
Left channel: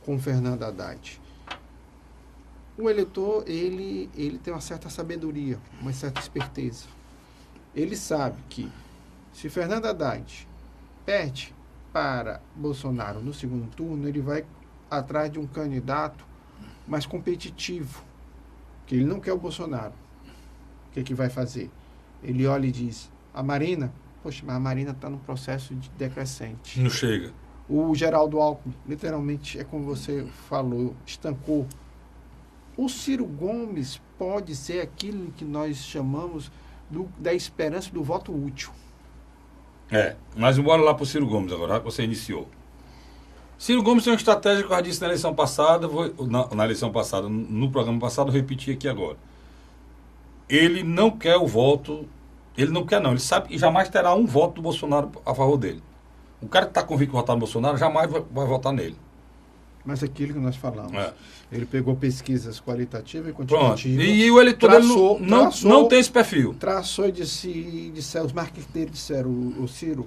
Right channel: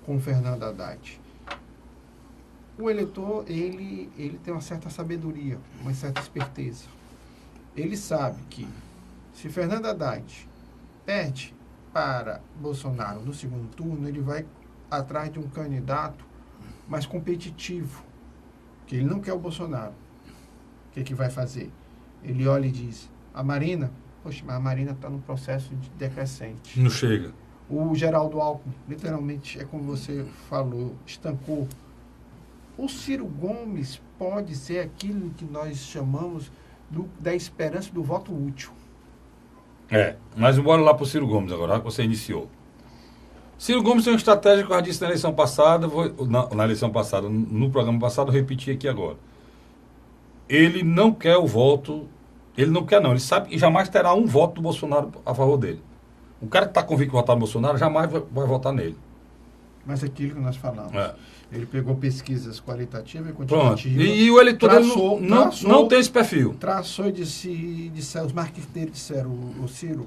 com o Fernando Haddad. O eleitor, ele tem uma certa sabedoria, uma certa esperteza. Ele sabe que se Fernando Haddad perde para Bolsonaro no segundo turno, ele vai atrás de um candidato mais competitivo, que ele não quer o Bolsonaro. O que vai fazer? Ele olha e diz, a Marina, poxa, mas a Marina está num processo de decrescente. Não chega. O Geraldo Alckmin, literalmente, é como você falou, estancou. O Ciro Gomes pode ser aquilo que nós chamamos da esperança do voto útil. Mas bora lá para o Ciro Gomes agora, que você iniciou. Ciro Gomes tem uma estratégia que eu já disse na eleição passada, no programa passado, eu repeti aqui agora. Ele não quer o voto, ele sabe que jamais terá um voto do Bolsonaro a favor dele. O cara que está convicto em votar no Bolsonaro jamais vai votar nele. Mas aquilo que nós falamos. Ele pegou pesquisas qualitativas e quantitativas. Pronto. E o eleitor não tem esse perfil. Traçou e disse, os marqueteiros disseram, o Ciro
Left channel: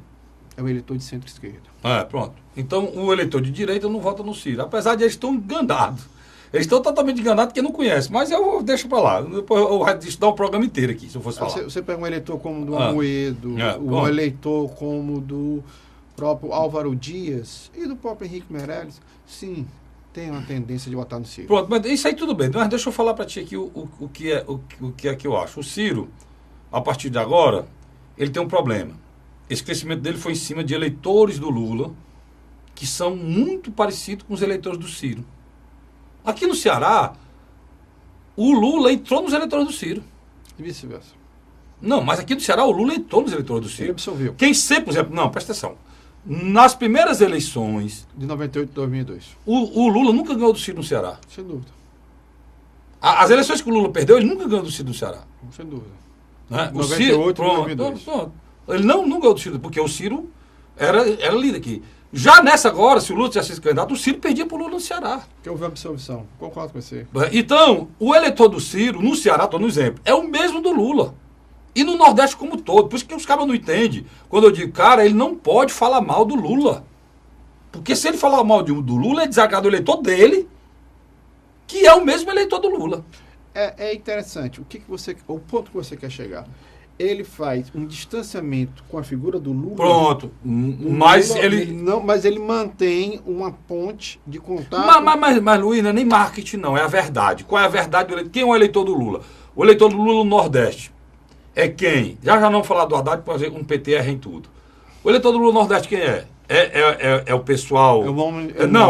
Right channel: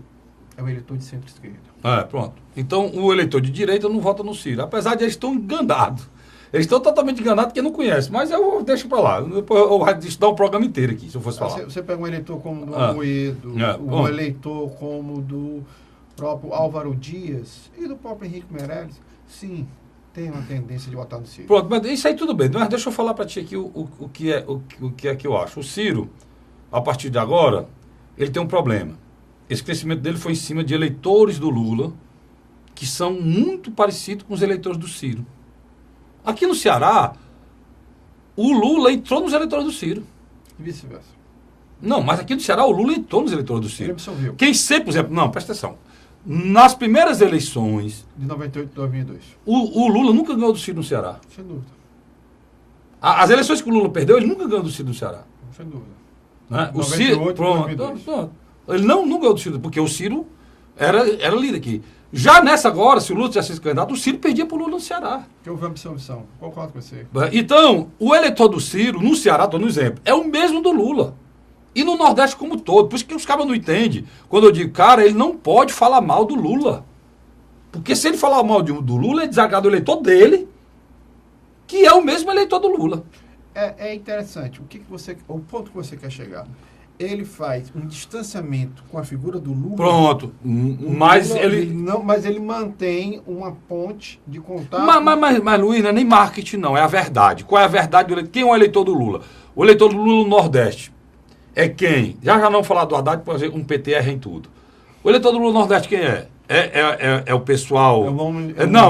é o eleitor de centro-esquerda. Pronto. Então, o eleitor de direita não vota no Ciro. Apesar de eles estão enganados. Eles estão totalmente enganados porque não conhecem. Mas eu deixo para lá. Depois eu vou estudar o programa inteiro aqui, se eu fosse falar. Você pega um eleitor como do Amoedo, um eleitor como do próprio Álvaro Dias e do próprio Henrique Meirelles, sim, tem uma tendência de votar no Ciro. Pronto, mas isso aí tudo bem. Mas deixa eu falar para ti aqui o que é que eu acho. O Ciro, a partir de agora, ele tem um problema. Esse crescimento dele foi em cima de eleitores do Lula, que são muito parecidos com os eleitores do Ciro. Aqui no Ceará, o Lula entrou nos eleitores do Ciro. E vice-versa. Não, mas aqui no Ceará, o Lula entrou nos eleitores do Ciro. Ele absorveu. Quem sempre, por exemplo... Não, presta atenção. Nas primeiras eleições... De 98 e 2002. O Lula nunca ganhou do Ciro no Ceará. Sem dúvida. As eleições que o Lula perdeu, ele nunca ganhou do Ciro no Ceará. Sem dúvida. Né? 98 o Ciro, e 2002. Pronto. Ele não ganhou do Ciro, porque o Ciro era líder aqui. Já nessa agora, se o Lula tivesse sido candidato, o Ciro perdia para o Lula no Ceará. Que houve absorção. Concordo com você. Então, o eleitor do Ciro, no Ceará, estou no exemplo, é o mesmo do Lula. E no Nordeste como todo. Por isso que os caras não entendem. Quando eu digo, cara, ele não pode falar mal do Lula. Porque se ele falar mal do Lula, é desagrado o eleitor dele, que é o mesmo eleitor do Lula. É interessante. O ponto que você quer chegar. Ele faz um distanciamento com a figura do Lula. Pronto. Mas ele mantém uma ponte de contato. Mas Luiz, não é nem marketing, não. É a verdade. Qual é a verdade do eleitor? Quem é o eleitor do Lula? O eleitor do Lula no Nordeste é quem? Já não falar do Haddad, por exemplo, um PT erra em tudo. O eleitor do Lula no Nordeste quem é? É o pessoal...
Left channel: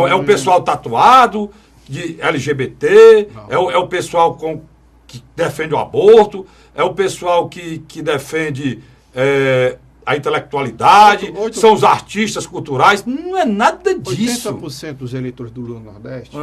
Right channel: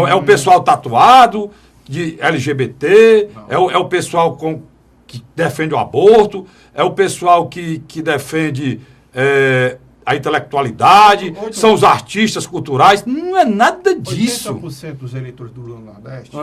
É o pessoal tatuado, de LGBT, é o pessoal que defende o aborto, é o pessoal que defende a intelectualidade, são os artistas culturais. Não é nada disso. 80% dos eleitores do Lula no Nordeste...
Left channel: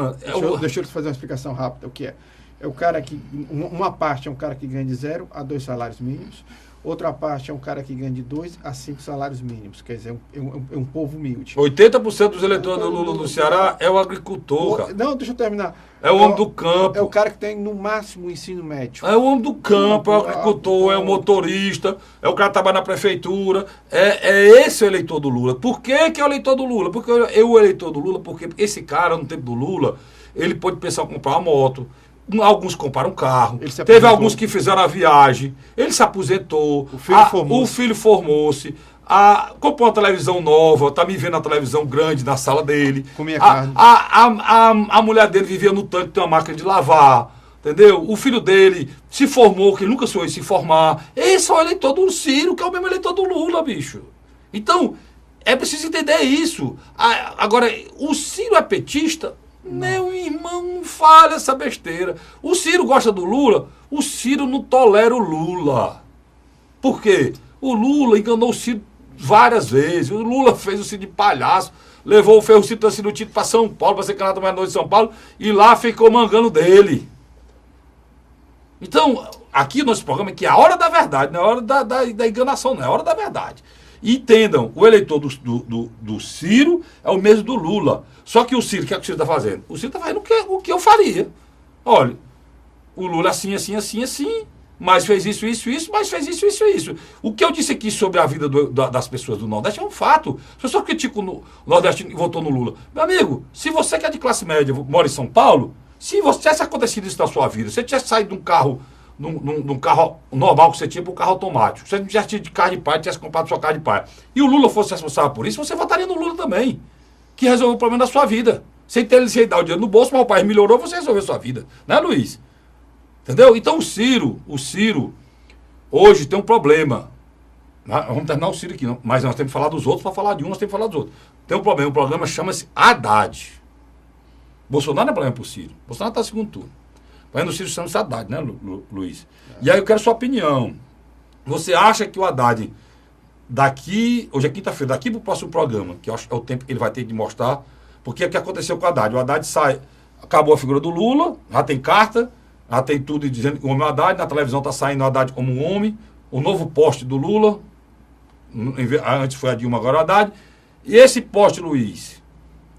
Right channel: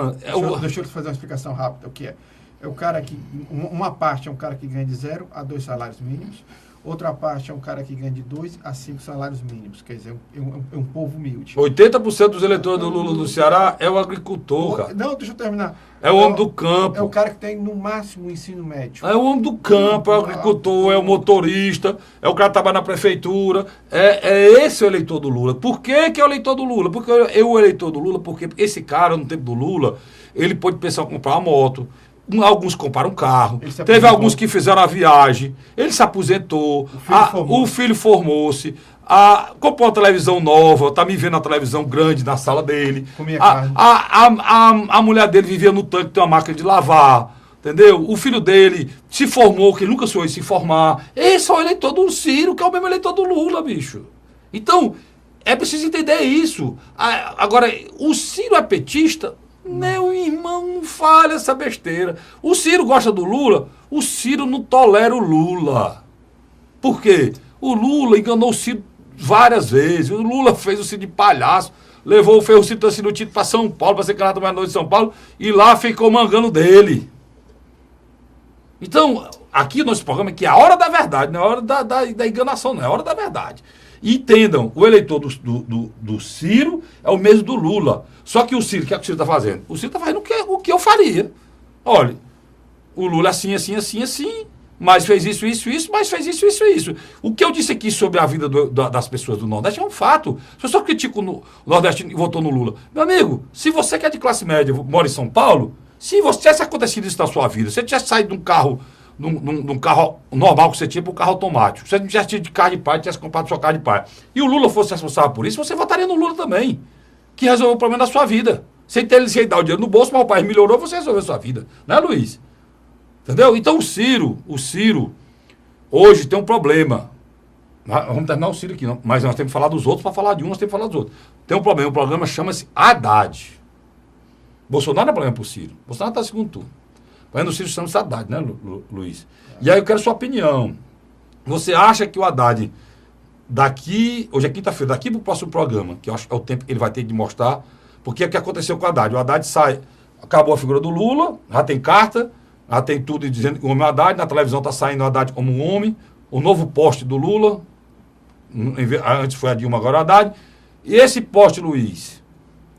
Deixa eu te fazer uma explicação rápida. O que é? É o cara que... Uma parte é um cara que ganha de 0 a 2 salários mínimos. Outra parte é um cara que ganha de 2 a 5 salários mínimos, quer dizer, é um povo humilde. 80% dos eleitores do Lula no Ceará é o agricultor, cara. Não, deixa eu terminar. É o homem do campo. É o cara que tem, no máximo, o ensino médio. É o homem do campo, é o agricultor, é o motorista, é o cara que trabalha na prefeitura. É esse o eleitor do Lula. Por que que é o eleitor do Lula? Porque o eleitor do Lula, porque esse cara, no tempo do Lula, ele pode pensar em comprar uma moto. Alguns compraram um carro. Teve alguns que fizeram a viagem. Ele se aposentou. O filho formou-se. Comprou uma televisão nova, tá me vendo na televisão grande na sala dele. Comia carne. A mulher dele vivia no tanque, tem uma máquina de lavar. Entendeu? O filho dele se formou, que ele nunca sonhou em se formar. Esse é o eleitor do Ciro, que é o mesmo eleitor do Lula, bicho. Então, é preciso entender isso. Agora, o Ciro é petista? Meu irmão, não fale essa besteira. O Ciro gosta do Lula? O Ciro não tolera o Lula. Por quê? O Lula enganou o Ciro várias vezes. O Lula fez o Ciro de palhaço, levou o Ferrocito do Tito para São Paulo, para ser candidato mais noite de São Paulo, e lá ficou mangando dele. Então, aqui o nosso programa é que é a hora da verdade, não é a hora da enganação, não é a hora da verdade. E entendam, o eleitor do Ciro é o mesmo do Lula. Só que o Ciro, o que é que o Ciro está fazendo? O Ciro está fazendo o que eu faria. Olha, o Lula assim, mas fez isso, mas fez isso. O que eu disse aqui sobre a vida das pessoas do Nordeste é um fato. As pessoas criticam o Nordeste e votou no Lula. Meu amigo, se você que é de classe média, mora em São Paulo, se tivesse acontecido isso na sua vida, se você tivesse saído de um carro, de um carro normal que você tinha para um carro automático, se você não tivesse tido de carro de pai, tivesse comprado sua carro de pai, e o Lula fosse responsável por isso, você votaria no Lula também, que resolveu o problema da sua vida. Sem dar o dinheiro no bolso, mas o país melhorou, você resolveu a sua vida. Não é, Luiz? Entendeu? Então o Ciro, hoje tem um problema. Vamos terminar o Ciro aqui, não? Mas nós temos que falar dos outros para falar de um, nós temos que falar dos outros. Tem um problema, o programa chama-se Haddad. Bolsonaro não é problema para o Ciro. Bolsonaro está no segundo turno. Mas no Ciro chama-se Haddad, né, Luiz? E aí eu quero sua opinião. Você acha que o Haddad, hoje é quinta-feira, daqui para o próximo programa, que eu acho que é o tempo que ele vai ter de mostrar, porque é o que aconteceu com o Haddad. O Haddad acabou a figura do Lula, já tem carta, já tem tudo dizendo que o homem é o Haddad, na televisão está saindo o Haddad como um homem, o novo poste do Lula, antes foi a Dilma, agora o Haddad. E esse poste, Luiz,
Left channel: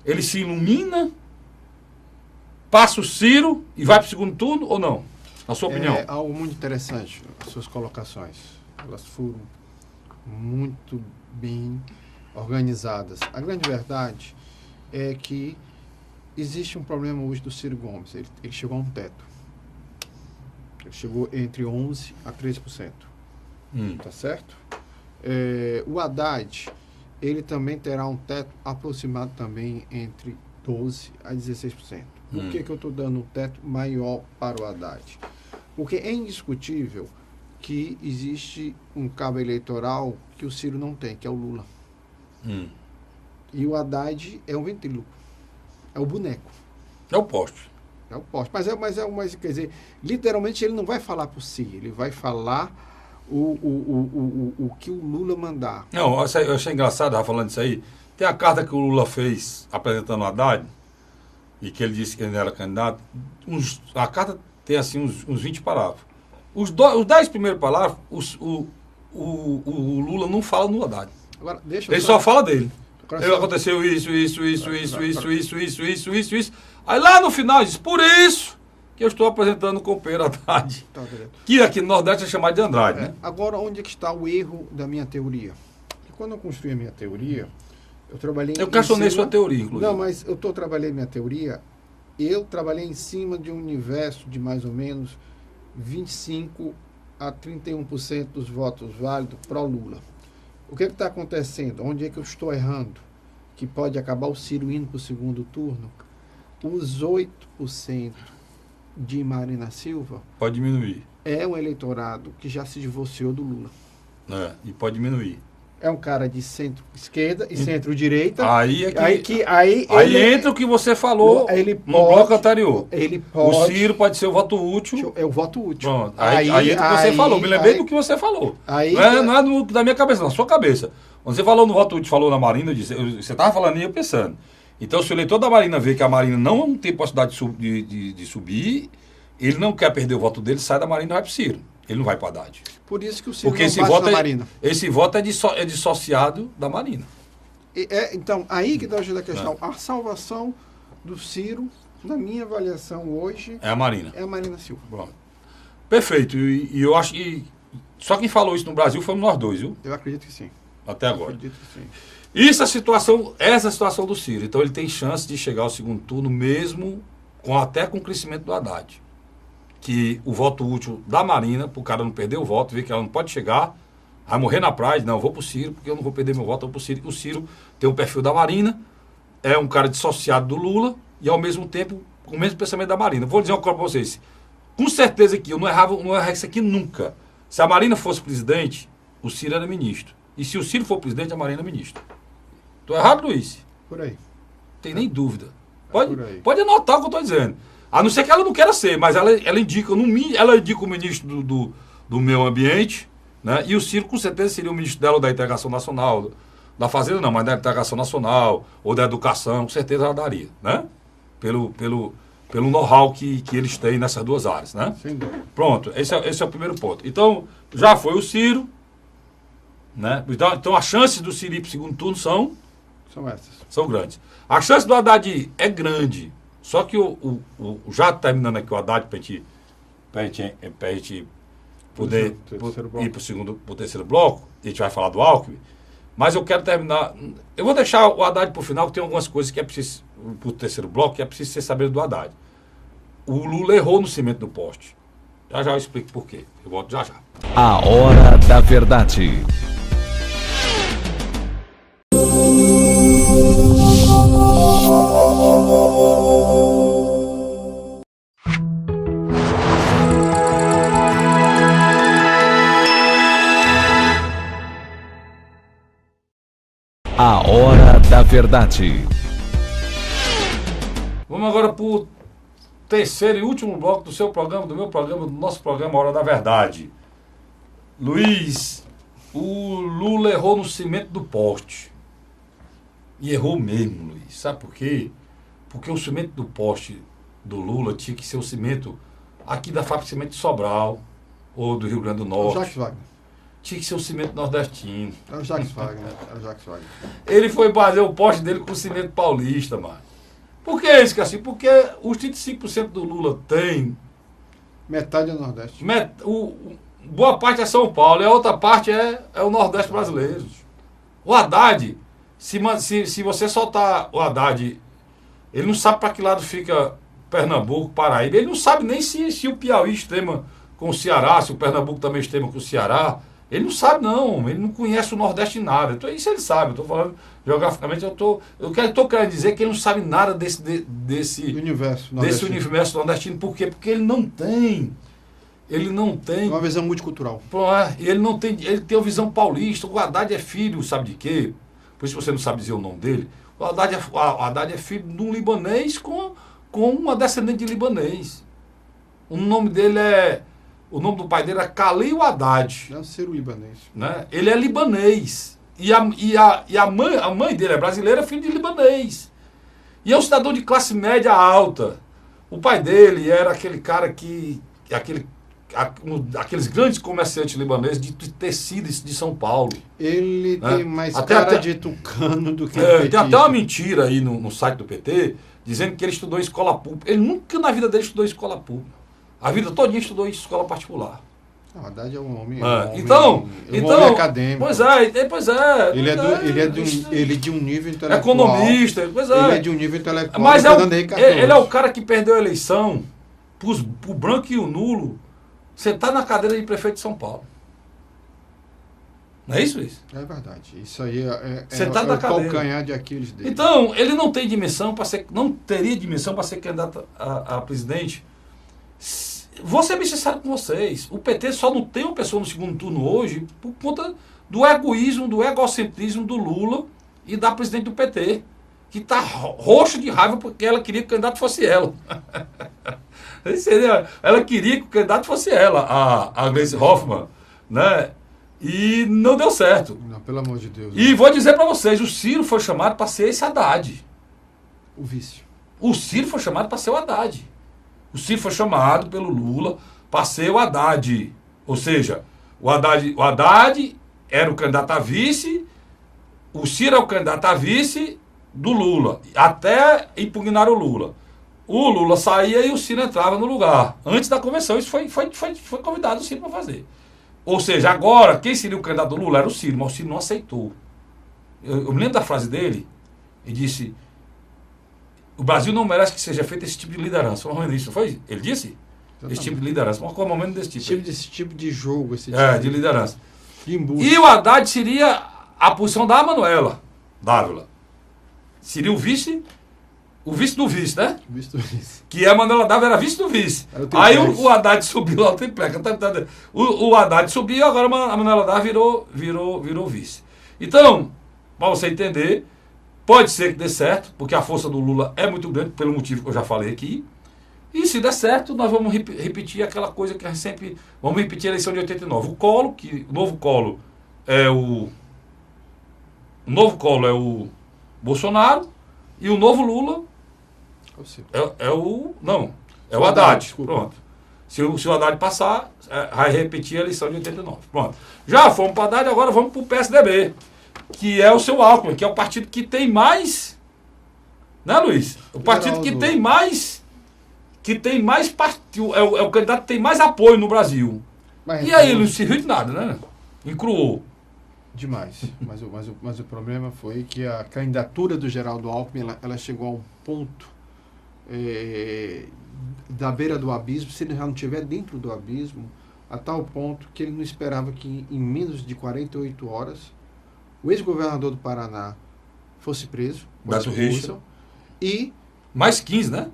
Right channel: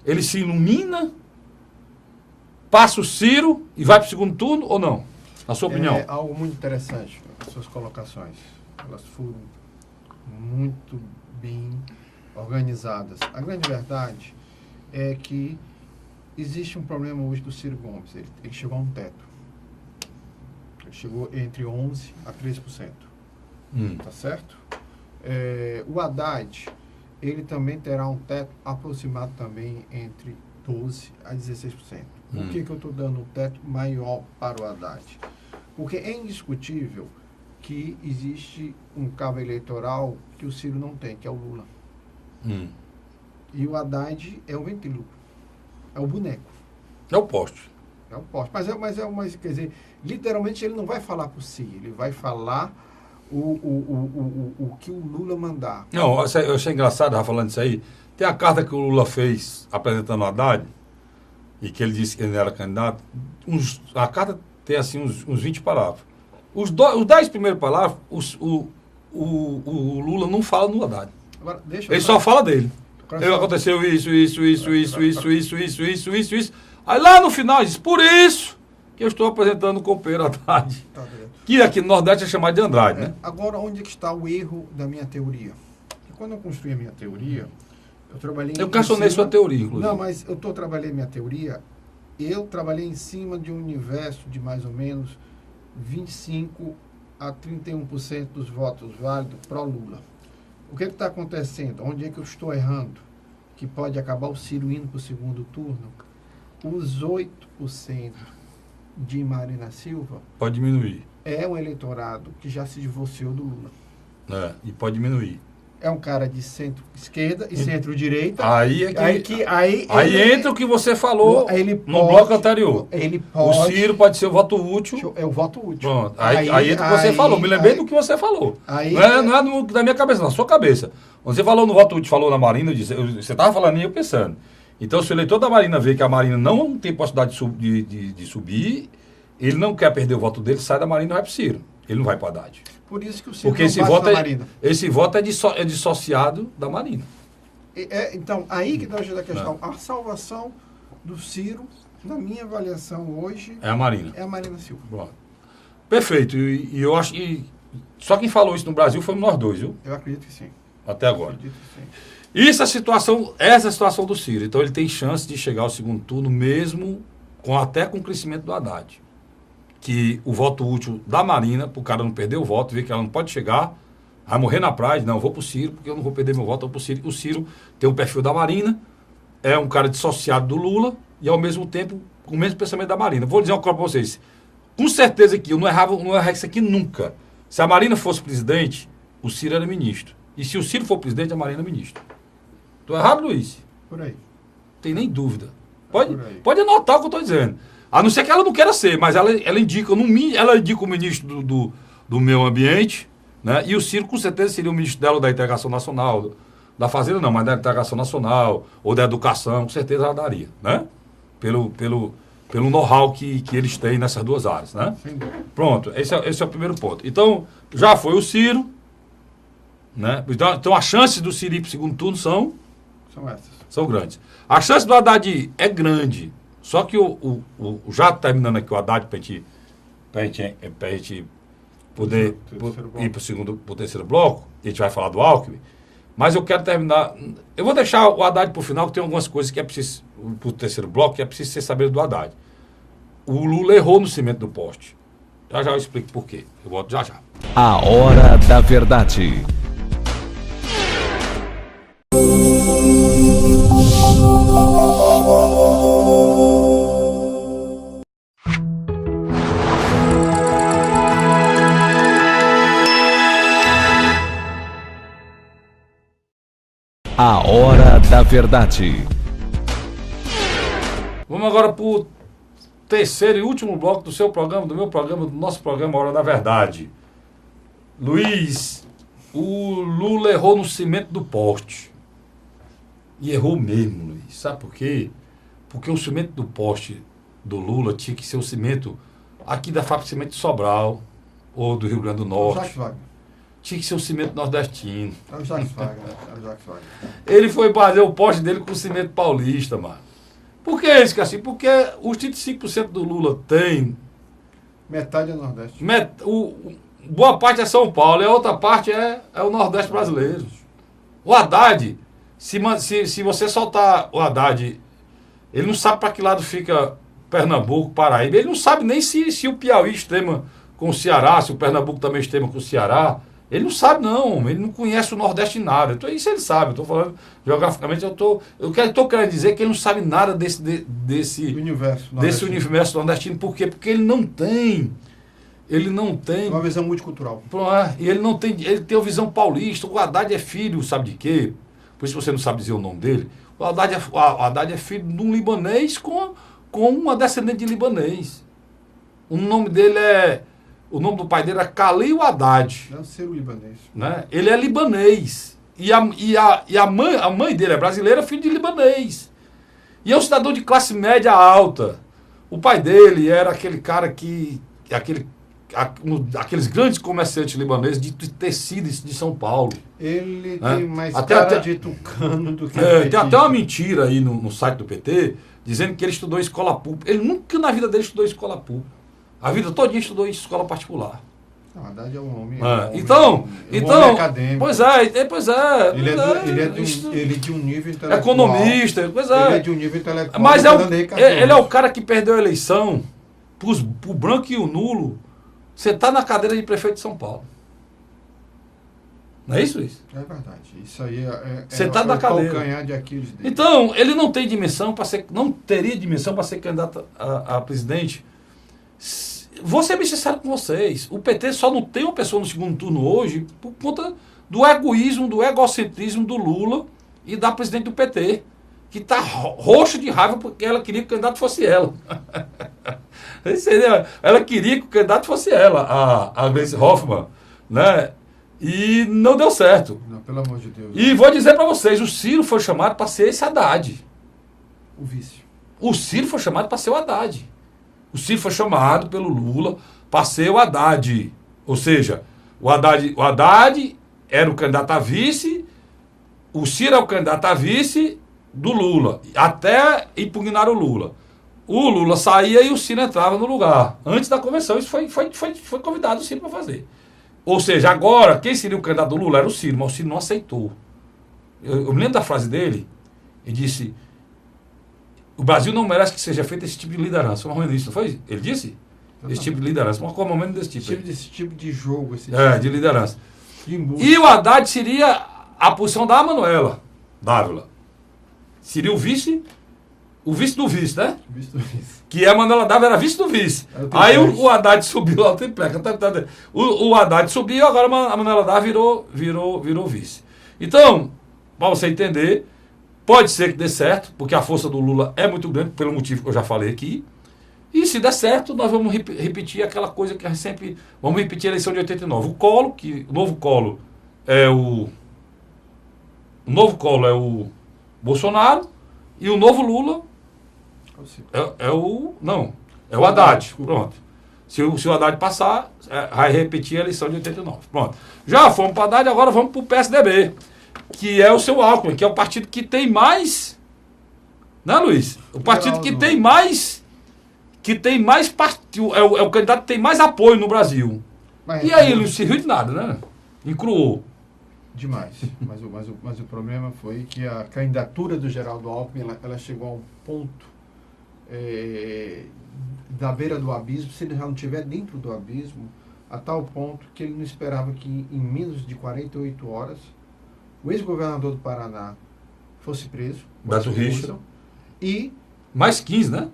ele se ilumina, passa o Ciro e vai para o segundo turno ou não? Na sua opinião? É algo muito interessante, as suas colocações. Elas foram muito bem organizadas. A grande verdade é que existe um problema hoje do Ciro Gomes. Ele chegou a um teto. Ele chegou entre 11% a 13%. Tá certo? O Haddad, ele também terá um teto aproximado também entre 12% a 16%. Por que eu estou dando um teto maior para o Haddad? Porque é indiscutível que existe um cabo eleitoral que o Ciro não tem, que é o Lula. E o Haddad é um ventríloco. É o boneco. É o poste. É o poste. Mas quer dizer, literalmente ele não vai falar por si, ele vai falar o que o Lula mandar. Não, eu achei engraçado, já falando isso aí. Tem a carta que o Lula fez apresentando o Haddad, e que ele disse que ele não era candidato. A carta tem assim uns 20 parágrafos. Os 10 primeiros parágrafos, o Lula não fala no Haddad. Agora, ele só fala dele. Aconteceu isso. Aí lá no final ele diz, por isso que eu estou apresentando o companheiro Haddad. Tá, que aqui no Nordeste é chamado de Andrade, né? Agora, onde é que está o erro da minha teoria? Porque quando eu construí a minha teoria, eu trabalhei... Eu questionei sua teoria, inclusive. Não, mas trabalhei minha teoria, eu trabalhei em cima de um universo de mais ou menos 25% a 31% dos votos válidos pró-Lula. O que está acontecendo? Onde é que eu estou errando? Que pode acabar o Ciro indo para o segundo turno? Os 8% de Marina Silva... Pode diminuir. É um eleitorado que já se divorciou do Lula. E pode diminuir. É um cara de centro-esquerda e centro-direita. Aí entra o que você falou no bloco anterior. O Ciro pode ser o voto útil. É o voto útil. Pronto. Aí entra o que você falou. Me lembrei do que você falou. Não é da minha cabeça, na sua cabeça. Quando você falou no voto útil, falou na Marina, você estava falando e eu pensando. Então, se o eleitor da Marina vê que a Marina não tem possibilidade de subir, ele não quer perder o voto dele, sai da Marina e vai para o Ciro. Ele não vai para o Haddad. Por isso que o Ciro Porque não esse bate voto, na Marina. esse voto é dissociado da Marina. Então, aí que está o jeito da questão. A salvação do Ciro, na minha avaliação hoje, É a Marina. é a Marina Silva. Pronto. Perfeito. E eu acho que só quem falou isso no Brasil foi nós dois, viu? Eu acredito que sim. Até Eu agora. acredito que sim. Essa é a situação do Ciro. Então ele tem chance de chegar ao segundo turno, mesmo até com o crescimento do Haddad. Que o voto útil da Marina, para o cara não perder o voto, ver que ela não pode chegar, vai morrer na praia, não, eu vou pro Ciro, porque eu não vou perder meu voto, eu vou pro Ciro. O Ciro tem um perfil da Marina, é um cara dissociado do Lula e ao mesmo tempo com o mesmo pensamento da Marina. Vou dizer uma coisa para vocês. Com certeza que eu não errava isso aqui nunca. Se a Marina fosse presidente, o Ciro era ministro. E se o Ciro for presidente, a Marina é ministro. Estou errado, Luiz? Por aí. Não tem nem dúvida. Por aí. Pode anotar o que eu estou dizendo. A não ser que ela não queira ser, mas ela indica o ministro do Meio Ambiente, né? E o Ciro com certeza seria o ministro dela da Integração Nacional, da Fazenda não, mas da Integração Nacional, ou da Educação, com certeza ela daria, né? Pelo know-how que eles têm nessas duas áreas, né? Sem dúvida. Pronto, esse é o primeiro ponto. Então, já foi o Ciro, né? Então as chances do Ciro ir para o segundo turno São essas. são grandes. A chance do Haddad é grande, só que já terminando aqui o Haddad para a gente poder ir para o terceiro bloco, a gente vai falar do Alckmin, mas eu quero terminar, eu vou deixar o Haddad para o final, que tem algumas coisas que é preciso, para o terceiro bloco, que é preciso ser saber do Haddad. O Lula errou no cimento do poste. Já eu explico por quê. Eu volto já. A Hora da Verdade. A Hora da Verdade. Vamos agora para o terceiro e último bloco do seu programa, do meu programa, do nosso programa Hora da Verdade. Luiz, o Lula errou no cimento do poste. E errou mesmo, Luiz. Sabe por quê? Porque o cimento do poste do Lula tinha que ser o cimento aqui da fábrica de cimento de Sobral, ou do Rio Grande do Norte. Jacques Wagner. Tinha que ser o cimento nordestino. É o Jacques Wagner. Ele foi fazer o poste dele com cimento paulista, mano. Por que isso, Cassim? Porque os 35% do Lula tem. Metade é Nordeste. Boa parte é São Paulo e a outra parte é o Nordeste brasileiro. O Haddad, se você soltar o Haddad, ele não sabe para que lado fica Pernambuco, Paraíba. Ele não sabe nem se o Piauí extrema com o Ceará, se o Pernambuco também extrema com o Ceará. Ele não sabe, não. Ele não conhece o Nordeste em nada. Então, isso ele sabe. Estou falando geograficamente. Eu estou querendo dizer que ele não sabe nada desse universo nordestino. Por quê? Porque ele não tem. Uma visão multicultural. E ele não tem. Ele tem a visão paulista. O Haddad é filho, sabe de quê? Por isso você não sabe dizer o nome dele. O Haddad é filho de um libanês com uma descendente de libanês. O nome dele é. O nome do pai dele é Khalil Haddad. Deve ser o libanês. Né? Ele é libanês. E a mãe dele é brasileira, filho de libanês. E é um cidadão de classe média alta. O pai dele era aquele cara que. Aqueles grandes comerciantes libaneses de tecidos de São Paulo. Ele né? tem mais cara de tucano do que tem até uma mentira aí no site do PT, dizendo que ele estudou escola pública. Ele nunca na vida dele estudou escola pública. A vida toda estudou em escola particular. Na verdade é um homem. Então, acadêmico. Pois é. Ele é de um nível intelectual. Economista, pois é. Ele é de um nível intelectual. Mas ele é o cara que perdeu a eleição pro branco e o nulo sentar na cadeira de prefeito de São Paulo. Não é isso? É verdade. Isso aí sentar na cadeira. Calcanhar de Aquiles dele. Então, ele não tem dimensão para ser, não teria dimensão para ser candidato a presidente. Vou ser bem sincero com vocês. O PT só não tem uma pessoa no segundo turno hoje por conta do egoísmo, do egocentrismo do Lula e da presidente do PT, que está roxa de raiva porque ela queria que o candidato fosse ela. Ela queria que o candidato fosse ela, a Gleisi Hoffmann, né? E não deu certo. Não, pelo amor de Deus. E vou dizer para vocês, o Ciro foi chamado para ser esse Haddad. O vice. O Ciro foi chamado para ser o Haddad. O Ciro foi chamado pelo Lula para ser o Haddad. Ou seja, o Haddad era o candidato a vice, o Ciro é o candidato a vice do Lula, até impugnar o Lula. O Lula saía e o Ciro entrava no lugar. Antes da convenção, isso foi convidado o Ciro para fazer. Ou seja, agora, quem seria o candidato do Lula era o Ciro, mas o Ciro não aceitou. Eu me lembro da frase dele, ele disse: o Brasil não merece que seja feito esse tipo de liderança. Foi mais isso, foi? Ele disse? Esse tipo de liderança. Mas qual é o momento desse tipo? Esse tipo de jogo, esse tipo De liderança. de embuste. E o Haddad seria a posição da Manuela Dávila. Seria o vice do vice, né? Visto isso. Que a Manuela Dávila era vice do vice. Aí o Haddad subiu lá, o triplex. O Haddad subiu, agora a Manuela Dávila virou vice. Então, para você entender, pode ser que dê certo, porque a força do Lula é muito grande, pelo motivo que eu já falei aqui. E se der certo, nós vamos repetir aquela coisa que a gente sempre... Vamos repetir a eleição de 89. O novo Colo é o Bolsonaro, e o novo Lula é o Haddad. Desculpa. Pronto. Se o Haddad passar, vai repetir a eleição de 89. Pronto. Já fomos para o Haddad, agora vamos para o PSDB, que é o seu Alckmin, que é o partido que tem mais... Né, Luiz? O partido que tem mais... partido, é o candidato que tem mais apoio no Brasil. Mas, E aí ele não serviu de nada, né? Encruou. Demais. Mas o problema foi que a candidatura do Geraldo Alckmin, ela chegou a um ponto da beira do abismo, se ele já não estiver dentro do abismo, a tal ponto que ele não esperava que em menos de 48 horas o ex-governador do Paraná fosse preso. Beto Richa. E Mais 15, né?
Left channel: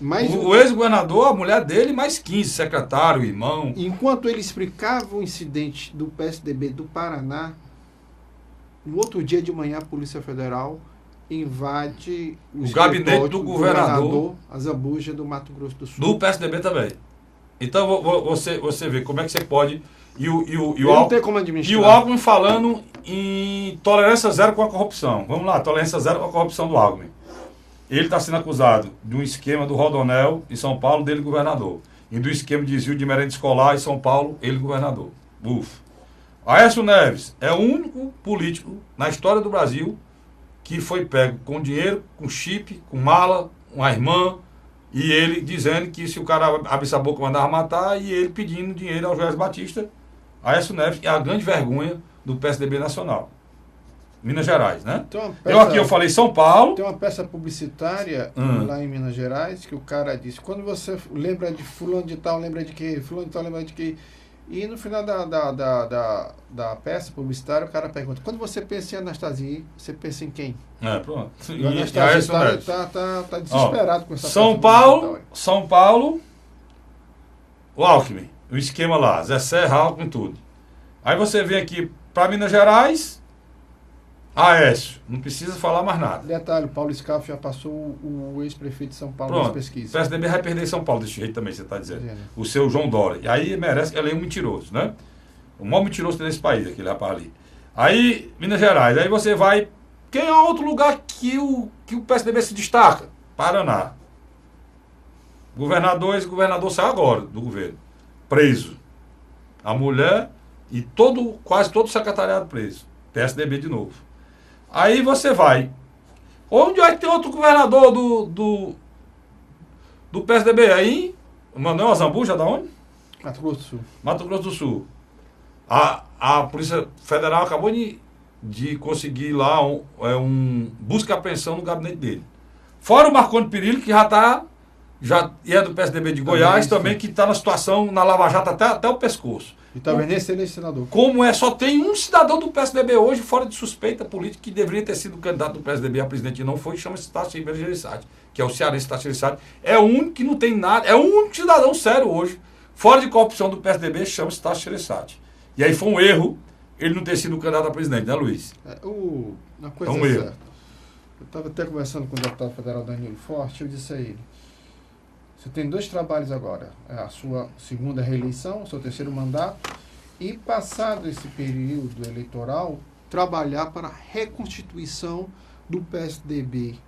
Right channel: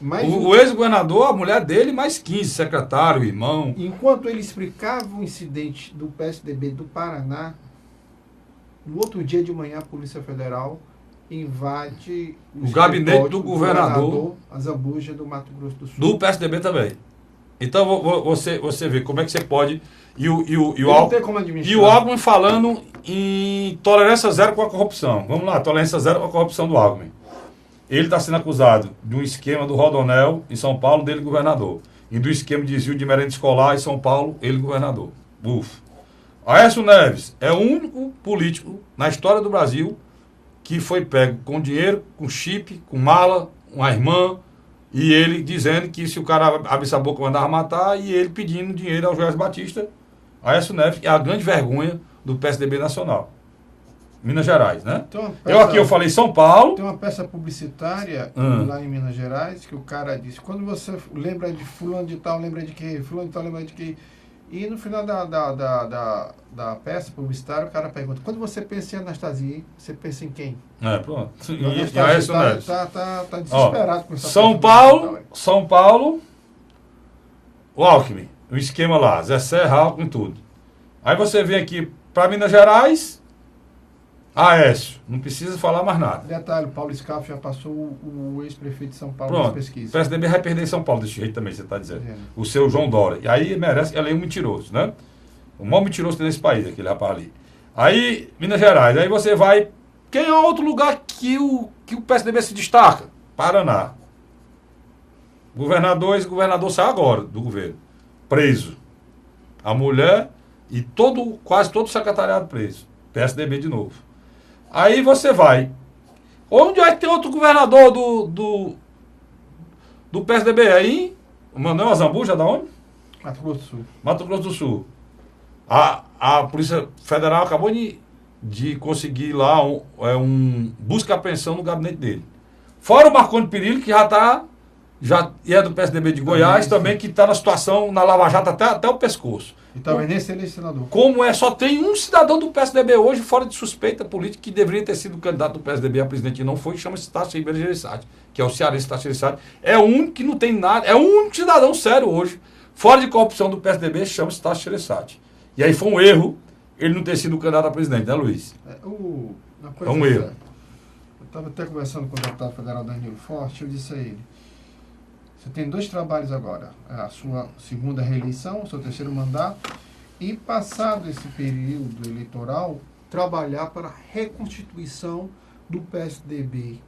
mais O ex-governador, a mulher dele, mais 15, secretário, irmão. enquanto ele explicava o incidente do PSDB do Paraná, no outro dia de manhã a Polícia Federal invade O gabinete do governador, a Zambuja do Mato Grosso do Sul. do PSDB também. Então você vê como é que você pode... E Não tem como administrar. o Alckmin falando em tolerância zero com a corrupção. Vamos lá, tolerância zero com a corrupção do Alckmin. Ele está sendo acusado de um esquema do Rodonel em São Paulo, dele governador. E do esquema de desvio de merenda escolar em São Paulo, ele governador. Buf. Aécio Neves é o único político na história do Brasil que foi pego com dinheiro, com chip, com mala, uma irmã, e ele dizendo que se o cara abrisse a boca mandava matar, e ele pedindo dinheiro ao Jorge Batista. Aécio Neves é a grande vergonha do PSDB nacional. Minas Gerais, né? Eu falei São Paulo. Tem uma peça publicitária lá em Minas Gerais que o cara disse: quando você lembra de fulano de tal, lembra de que? Fulano de tal, lembra de que? E no final da peça publicitária, o cara pergunta: quando você pensa em Anastasia, você pensa em quem? Pronto. O Anastasia tá desesperado com essa São Paulo, o Alckmin, o esquema lá, Zé Serra, Alckmin, tudo. Aí você vem aqui para Minas Gerais, Aécio, não precisa falar mais nada. Detalhe, Paulo Scaff já passou o ex-prefeito de São Paulo Pronto, nas pesquisas. o PSDB vai perder em São Paulo desse jeito também, você está dizendo. O seu João Dória. E aí merece, ela é um mentiroso, né? O maior mentiroso desse país, aquele rapaz ali. Aí, Minas Gerais, aí você vai... Quem é outro lugar que o PSDB se destaca? Paraná. Esse governador saiu agora do governo. Preso. A mulher e quase todo o secretariado preso. PSDB de novo. Aí você vai. Onde é que tem outro governador do PSDB? Aí, o Manuel Azambuja, da onde? Mato Grosso do Sul. Mato Grosso do Sul. A Polícia Federal acabou de conseguir lá busca e apreensão no gabinete dele. Fora o Marconi Perillo, que já é do PSDB de Goiás, também, que está na situação, na Lava Jato, até o pescoço. E também nem ser senador. Só tem um cidadão do PSDB hoje, fora de suspeita política, que deveria ter sido candidato do PSDB a presidente e não foi, chama-se Tasso Gereissati, que é o cearense Tasso Gereissati. É o único que não tem nada, é o único cidadão sério hoje, fora de corrupção do PSDB, chama-se Tasso Gereissati. E aí foi um erro ele não ter sido candidato a presidente, né, Luiz? Uma coisa um erro. Eu estava até conversando com o deputado federal Danilo Forte, eu disse a ele: você tem 2 trabalhos agora, a sua segunda reeleição, o seu terceiro mandato, e passado esse período eleitoral, trabalhar para a reconstituição do PSDB,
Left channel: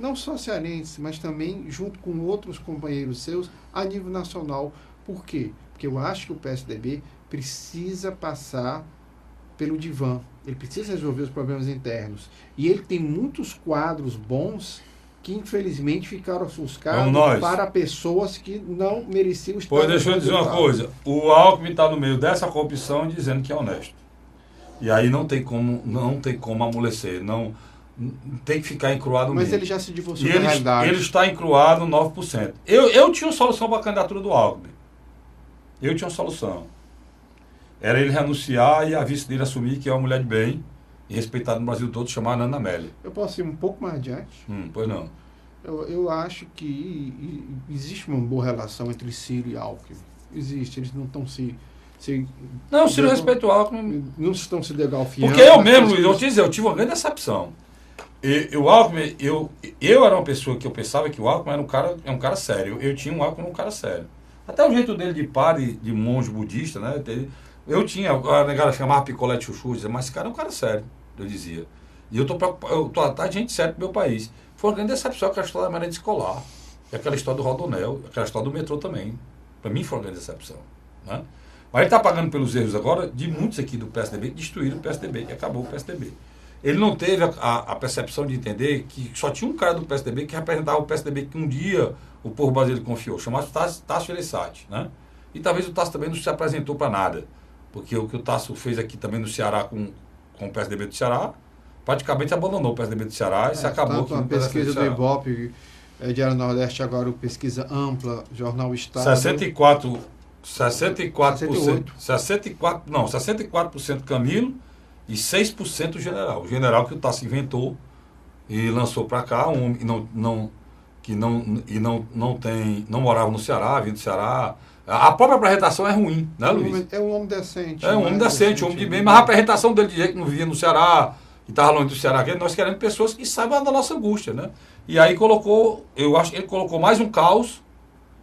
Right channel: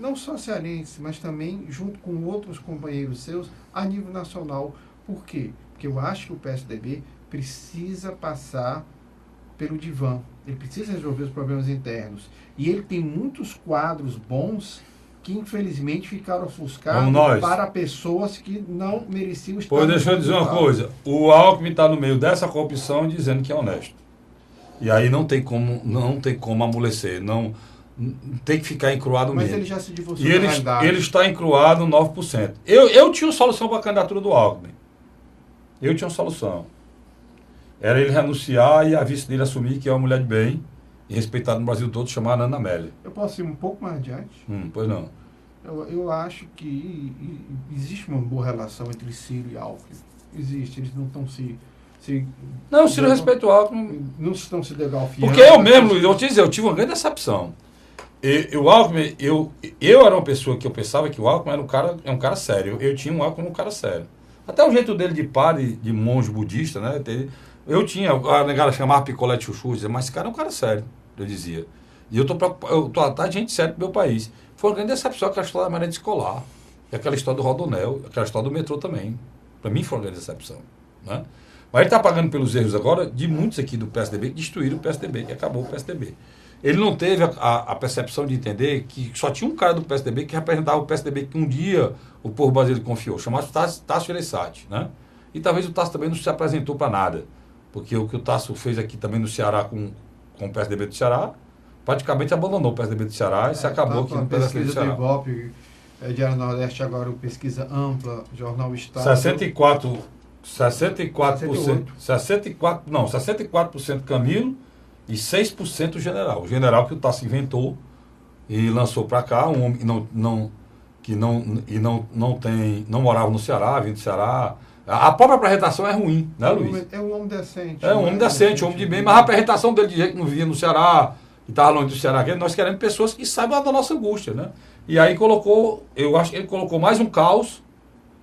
não só cearense, mas também junto com outros companheiros seus a nível nacional. Por quê? Porque eu acho que o PSDB precisa passar pelo divã. Ele precisa resolver os problemas internos. E ele tem muitos quadros bons que, infelizmente, ficaram ofuscados para pessoas que não mereciam estar... Pois deixa eu dizer uma coisa. O Alckmin está no meio dessa corrupção dizendo que é honesto. E aí não tem como amolecer. Não, tem que ficar encruado mesmo. Mas ele já se divorciou da realidade. Ele está encruado 9%. Eu tinha uma solução para a candidatura do Alckmin. Eu tinha uma solução. Era ele renunciar e a vice dele assumir que é uma mulher de bem e respeitada no Brasil todo, chamada Ana Amélia. Eu posso ir um pouco mais adiante? Pois não. Eu acho que existe uma boa relação entre Ciro e Alckmin. Existe, eles não estão Não, Ciro respeita o Alckmin. Não estão se legalfiando. Porque eu mesmo, Luiz, eu te dizer, eu tive uma grande decepção. O Alckmin, eu era uma pessoa que eu pensava que o Alckmin é um cara sério. Eu tinha um Alckmin um cara sério. Até o jeito dele de padre, de monge budista, né? Eu tinha, a negada chamava picolé de chuchu, dizia, mas esse cara é um cara sério, eu dizia. E eu tô atrás de gente séria pro meu país. Foi uma grande decepção aquela história da merenda escolar, aquela história do Rodonel, aquela história do metrô também. Para mim foi uma grande decepção. Né? Mas ele está pagando pelos erros agora de muitos aqui do PSDB que destruíram o PSDB, que acabou o PSDB. Ele não teve a percepção de entender que só tinha um cara do PSDB que representava o PSDB que um dia o povo brasileiro confiou, chamado Tasso Gereissati. Né? E talvez o Tasso também não se apresentou para nada. Porque o que o Tasso fez aqui também no Ceará com o PSDB do Ceará, praticamente abandonou o PSDB do Ceará e se acabou aqui no PSDB do Ceará. Pesquisa do Ibope, Diário Nordeste agora, pesquisa ampla, Jornal Estado. 64% Camilo e 6% General. O General que o Tasso inventou e lançou para cá, um homem que não morava no Ceará, vindo do Ceará. A própria apresentação é ruim, né, Luiz? É um homem decente. É um homem decente, um homem de bem, mas a apresentação dele de jeito que não vivia no Ceará, que estava longe do Ceará, nós queremos pessoas que saibam da nossa angústia, né? E aí eu acho que ele colocou mais um caos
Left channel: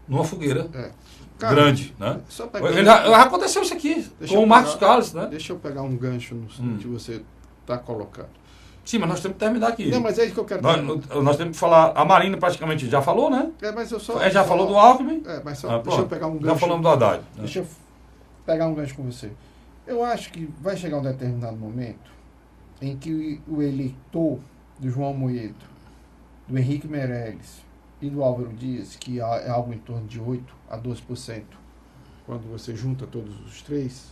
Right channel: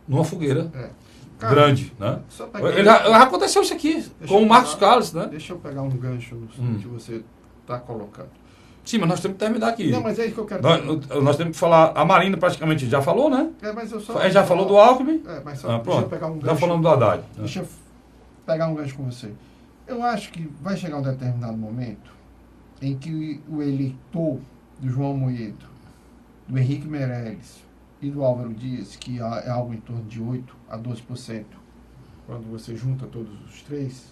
numa fogueira grande, né? Aconteceu isso aqui, com o Marcos Carlos, né? Deixa eu pegar um gancho no que você está colocando. Sim, mas nós temos que terminar aqui. Não, mas é isso que eu quero nós temos que falar. A Marina praticamente já falou, né? Mas eu só. Já falou do Alckmin? Mas só, deixa eu pegar um gancho. Já falando do Haddad. Deixa eu pegar um gancho com você. Eu acho que vai chegar um determinado momento em que o eleitor do João Moedo, do Henrique Meirelles e do Álvaro Dias, que é algo em torno de 8% a 12%, quando você junta todos os três,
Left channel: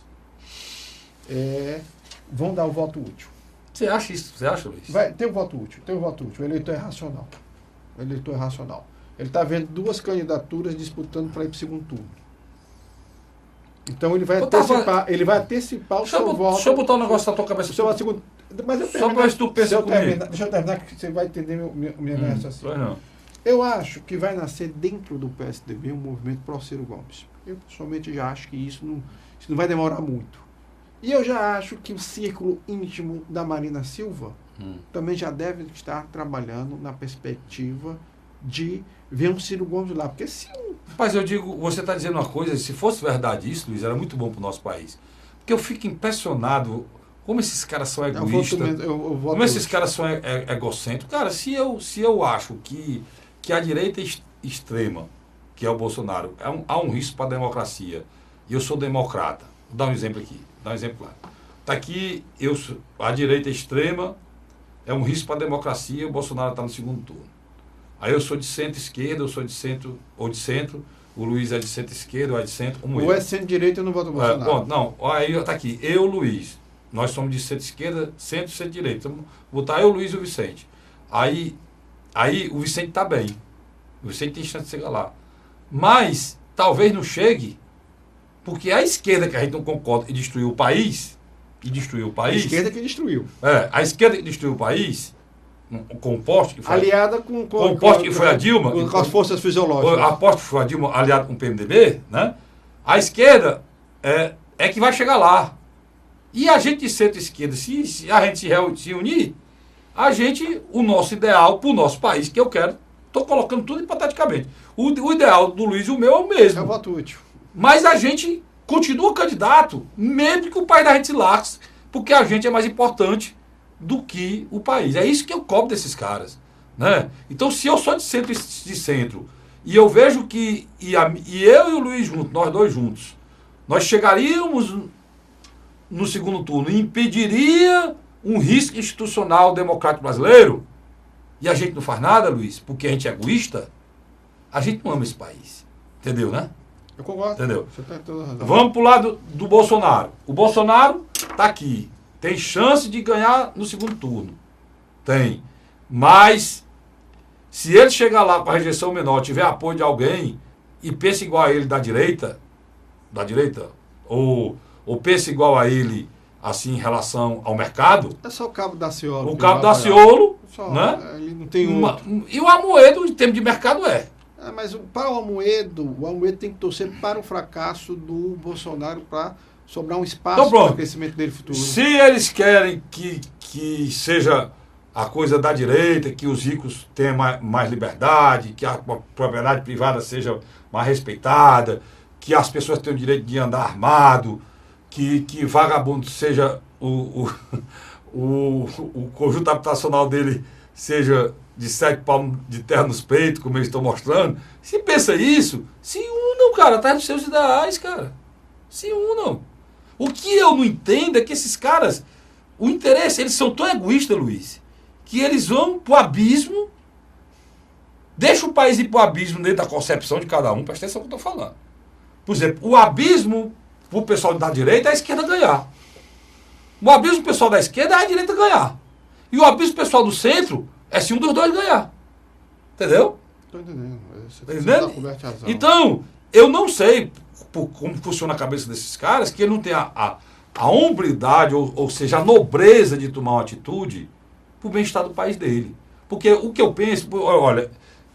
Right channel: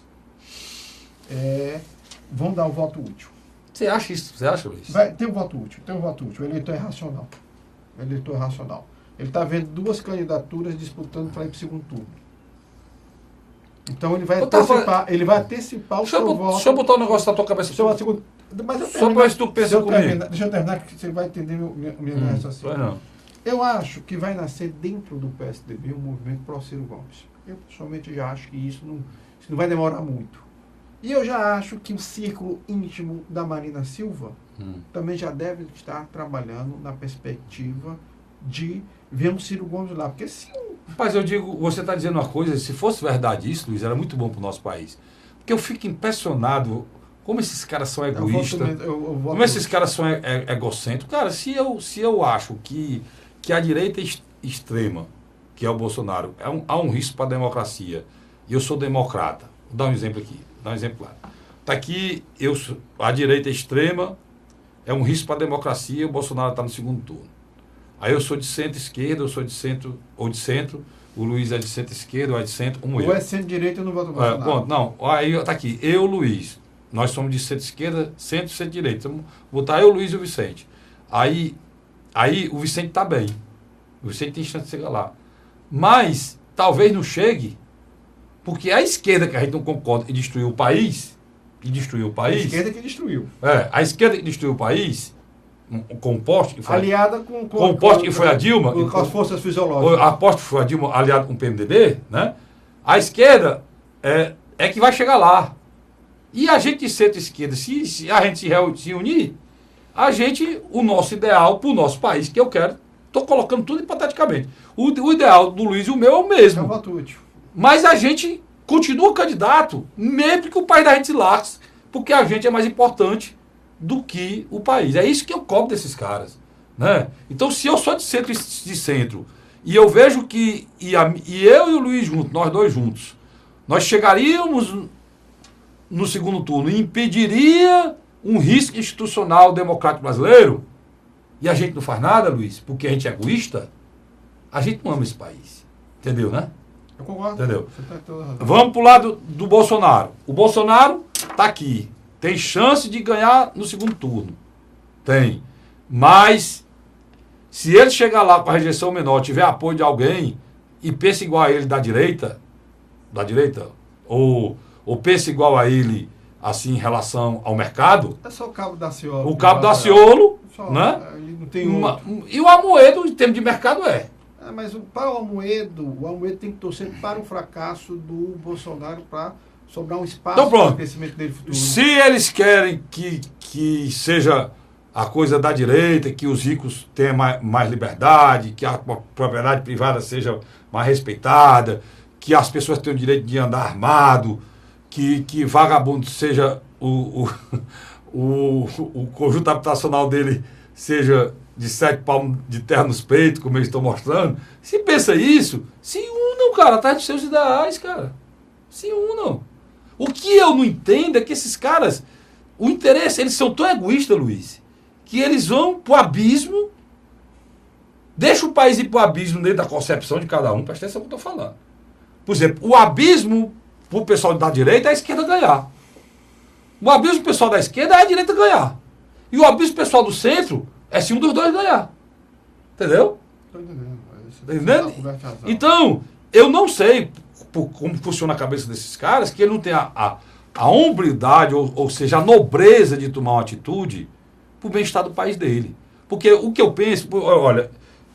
vão dar um voto útil. Você acha isso? Você acha, Luiz? Tem um voto útil. O eleitor é racional. Ele está vendo duas candidaturas disputando para ir para o segundo turno. Então ele vai antecipar o seu voto. Deixa eu botar um negócio na tua cabeça. Só para ver se tu pensa comigo. Deixa eu terminar, que você vai entender minha raciocínio. Eu acho que vai nascer dentro do PSDB um movimento pró-Ciro Gomes. Eu, pessoalmente, já acho que isso não vai demorar muito. E eu já acho que o círculo íntimo da Marina Silva também já deve estar trabalhando na perspectiva de ver um Ciro Gomes lá. Porque se... Mas eu digo, você está dizendo uma coisa, se fosse verdade isso, Luiz, era muito bom para o nosso país. Porque eu fico impressionado como esses caras são egoístas, como esses caras são egocêntricos. Cara, se eu acho que a direita extrema, que é o Bolsonaro, há um risco para a democracia, e eu sou democrata, vou dar um exemplo aqui. Dá um exemplo lá. Está aqui, a direita extrema é um risco para a democracia e o Bolsonaro está no segundo turno. Aí eu sou de centro-esquerda, eu sou de centro, o Luiz é de centro-esquerda, ou é de centro, como eu. Ou é centro-direita, eu não voto no Bolsonaro. Não, aí está aqui, eu, Luiz, nós somos de centro-esquerda, centro-direita. Vamos botar eu, Luiz e o Vicente. Aí o Vicente está bem. O Vicente tem chance de chegar lá. Mas talvez não chegue, porque a esquerda que a gente não concorda e destruiu o país. A esquerda que destruiu. A esquerda que destruiu o país, com o poste que foi. Aliada com o poste que foi a Dilma. Com as forças fisiológicas. A poste que foi a Dilma, aliada com o PMDB, né? A esquerda é que vai chegar lá. E a gente de centro-esquerda, se a gente se unir, o nosso ideal para o nosso país, que eu quero, estou colocando tudo hipoteticamente. O ideal do Luiz e o meu é o mesmo. É o voto útil. Mas a gente continua candidato, mesmo que o país da gente se lasque, porque a gente é mais importante do que o país. É isso que eu cobro desses caras. Né? Então, se eu sou de centro e eu vejo que, eu e o Luiz juntos, nós dois juntos, nós chegaríamos no segundo turno e impediria um risco institucional democrático brasileiro, e a gente não faz nada, Luiz, porque a gente é egoísta, a gente não ama esse país. Entendeu, né? Eu concordo. Entendeu? Você tá toda razão. Vamos pro lado do Bolsonaro. O Bolsonaro tá aqui. Tem chance de ganhar no segundo turno. Tem. Mas, se ele chegar lá com a rejeição menor, tiver apoio de alguém e pensa igual a ele da direita, ou pensa igual a ele, assim, em relação ao mercado, É só o Cabo Daciolo. o Cabo Daciolo, Só, né? Ele não tem outro. E o Amoedo, em termos de mercado, é. Mas para o Amoedo tem que torcer para o fracasso do Bolsonaro para sobrar um espaço Então, pronto. para o crescimento dele futuro. Se eles querem que seja a coisa da direita, que os ricos tenham mais liberdade, que a propriedade privada seja mais respeitada, que as pessoas tenham o direito de andar armado, que vagabundo seja o conjunto habitacional dele seja de 7 palmos de terra nos peitos, como eles estão mostrando. Se pensa isso, se unam, cara, atrás dos seus ideais, cara. Se unam. O que eu não entendo é que esses caras, o interesse, eles são tão egoístas, Luiz, que eles vão pro abismo, deixa o país ir pro abismo dentro da concepção de cada um, presta atenção no que eu estou falando. Por exemplo, o abismo pro pessoal da direita é a esquerda ganhar. O abismo pro pessoal da esquerda é a direita ganhar. E o abismo pro pessoal do centro é se um dos dois ganhar. Entendeu? Estou entendendo. Tá entendendo? Coberta razão. Então, eu não sei como funciona a cabeça desses caras, que ele não tem a hombridade, ou seja, a nobreza de tomar uma atitude para o bem-estar do país dele. Porque o que eu penso, olha,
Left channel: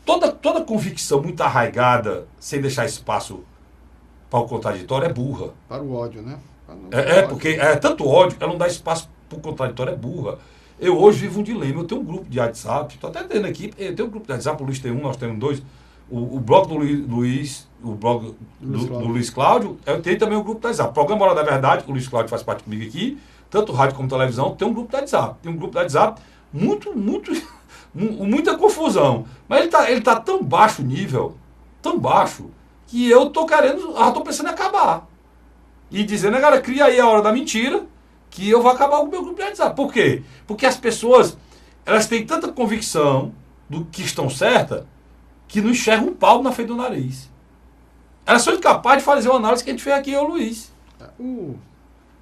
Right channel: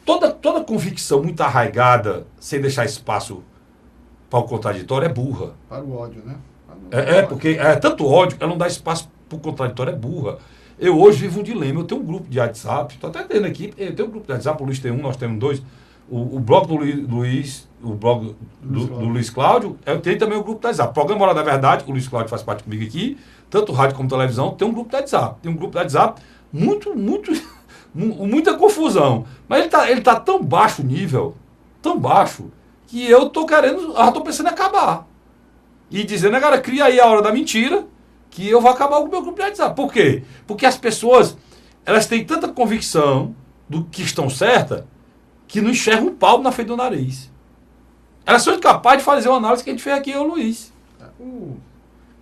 toda convicção muito arraigada, sem deixar espaço para o contraditório, é burra. Para o ódio, né? Porque é tanto ódio que ela não dá espaço para o contraditório, é burra. Eu hoje vivo um dilema. Eu tenho um grupo de WhatsApp, estou até tendo aqui, eu tenho um grupo de WhatsApp, o Luiz tem um, nós temos dois. O blog do Luiz, o blog do Luiz Cláudio, eu tenho também o grupo do WhatsApp. Programa Hora da Verdade, que o Luiz Cláudio faz parte comigo aqui, tanto rádio como televisão, tem um grupo do WhatsApp. Tem um grupo do WhatsApp, muita confusão. Mas ele tá tão baixo o nível, tão baixo, que eu tô pensando em acabar. E dizendo, cara, cria aí a hora da mentira, que eu vou acabar com o meu grupo de WhatsApp. Por quê? Porque as pessoas, elas têm tanta convicção do que estão certas, que não enxergam um pau na frente do nariz. Elas são incapazes de fazer uma análise que a gente fez aqui, eu, Luiz. Eu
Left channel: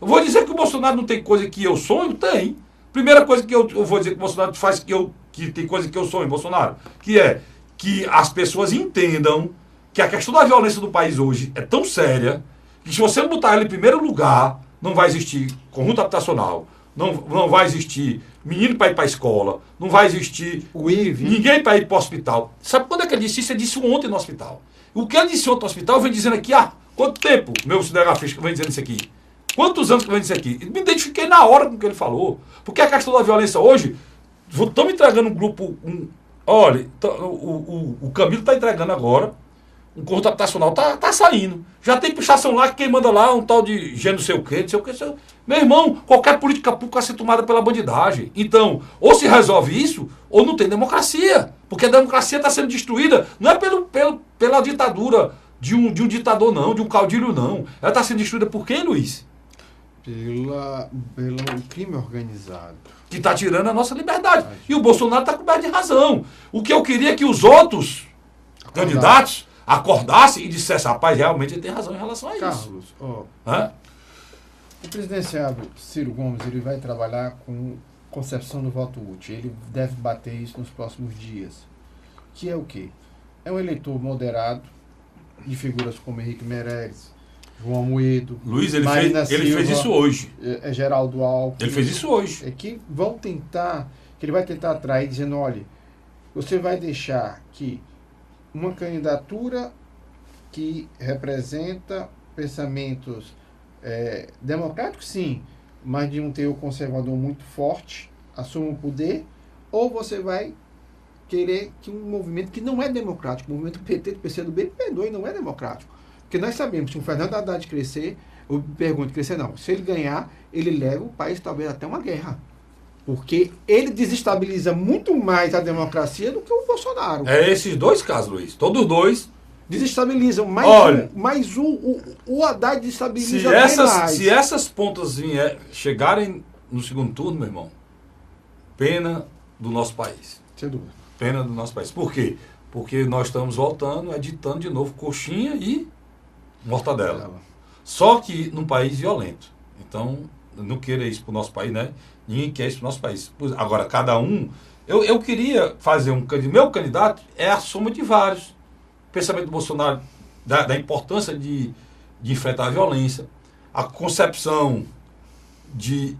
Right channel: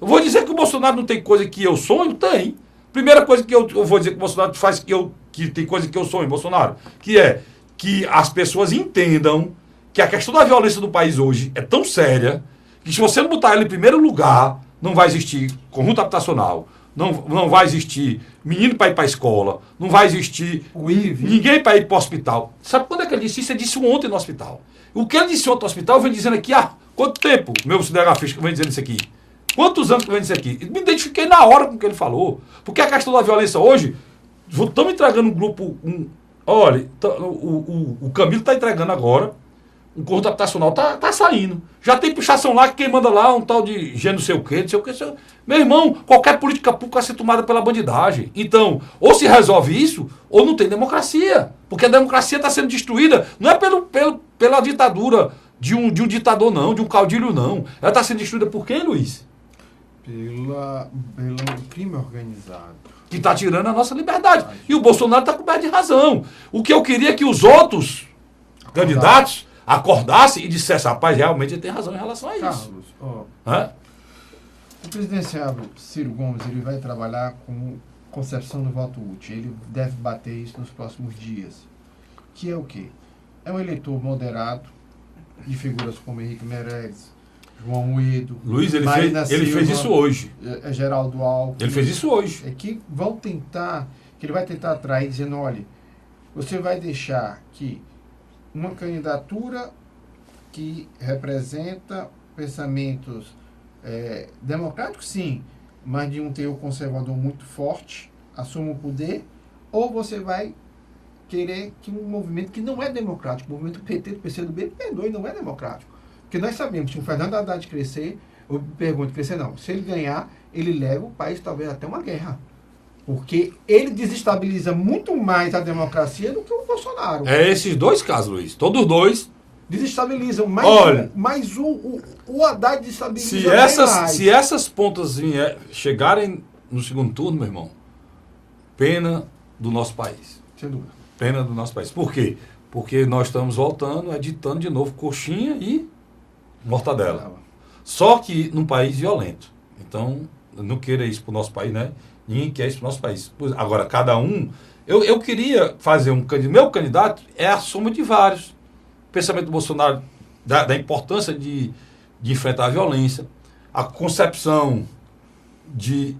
vou dizer que o Bolsonaro não tem coisa que eu sonho? Tem. Primeira coisa que eu vou dizer que o Bolsonaro faz que tem coisa que eu sonho, Bolsonaro, que é que as pessoas entendam que a questão da violência do país hoje é tão séria que se você não botar ela em primeiro lugar, não vai existir conjunto habitacional, não vai existir menino para ir para a escola, não vai existir ninguém para ir para o hospital. Sabe quando é que ele disse isso? Ele disse ontem no hospital. O que ele disse ontem no hospital, eu venho dizendo aqui, quanto tempo, meu cinegrafista, que eu venho dizendo isso aqui? Quantos anos que eu venho dizendo isso aqui? Me identifiquei na hora com o que ele falou. Porque a questão da violência hoje, estamos entregando um grupo, olha, o Camilo está entregando agora, o conjunto habitacional tá saindo. Já tem pichação lá que quem manda lá é um tal de não sei o quê. Meu irmão, qualquer política pública vai ser tomada pela bandidagem. Então, ou se resolve isso, ou não tem democracia. Porque a democracia está sendo destruída, não é pela ditadura de um ditador, não, de um caudilho, não. Ela está sendo destruída por quem, Luiz? Pelo crime organizado. Que está tirando a nossa liberdade. E o Bolsonaro está coberto de razão. O que eu queria é que os outros candidatos acordassem e dissessem, rapaz, realmente ele tem razão em relação a isso. Carlos, o presidenciável Ciro Gomes, ele vai trabalhar com concepção do voto útil. Ele deve bater isso nos próximos dias. Que é o quê? É um eleitor moderado, de figuras como Henrique Meirelles, João Amoedo, Luiz, ele fez isso hoje. Geraldo Alckmin. Ele fez isso hoje. É que ele vai tentar atrair, dizendo, olha, você vai deixar que uma candidatura que representa pensamentos democráticos, sim, mas de um teor conservador muito forte, assuma o poder, ou você vai querer que um movimento que não é democrático, o movimento PT, do PCdoB, perdoe, não é democrático. Porque nós sabemos, se o Fernando Haddad crescer, eu pergunto, crescer não, se ele ganhar, ele leva o país talvez até uma guerra. Porque ele desestabiliza muito mais a democracia do que o Bolsonaro. É esses dois casos, Luiz. Todos dois desestabilizam. Olha, mas o Haddad desestabiliza se essas pontas chegarem no segundo turno, meu irmão, pena do nosso país. Sem dúvida. Pena do nosso país. Por quê? Porque nós estamos voltando, editando de novo coxinha e mortadela. Só que num país violento. Então, não queira isso para o nosso país, né? Ninguém quer isso para o nosso país. Agora, cada um... Eu queria fazer um candidato... Meu candidato é a soma de vários. O pensamento do Bolsonaro da importância de enfrentar a violência, a concepção de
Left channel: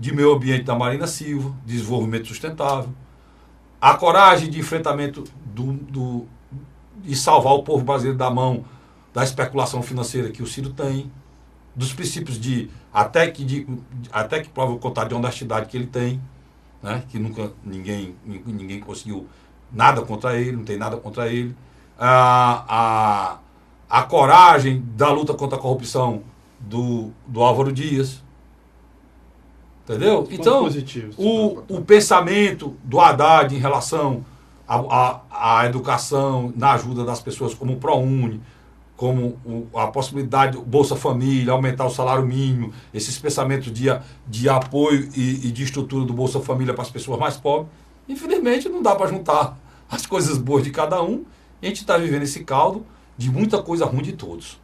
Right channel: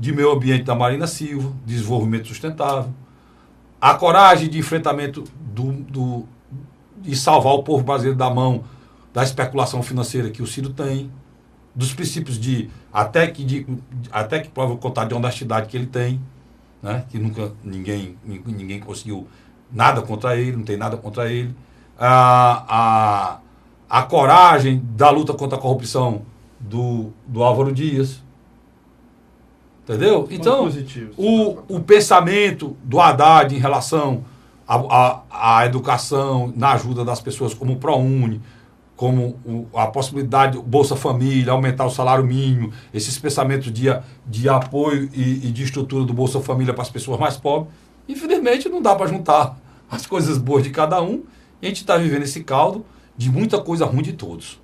meio ambiente da Marina Silva, desenvolvimento sustentável, a coragem de enfrentamento de salvar o povo brasileiro da mão da especulação financeira que o Ciro tem, dos princípios até que prova o contrário de honestidade que ele tem, né? Que nunca ninguém conseguiu nada contra ele, não tem nada contra ele, a coragem da luta contra a corrupção do Álvaro Dias, entendeu? Então, o pensamento do Haddad em relação à educação, na ajuda das pessoas, como o ProUni, como a possibilidade do Bolsa Família, aumentar o salário mínimo, esses pensamentos de apoio e de estrutura do Bolsa Família para as pessoas mais pobres, infelizmente não dá para juntar as coisas boas de cada um, e a gente está vivendo esse caldo de muita coisa ruim de todos.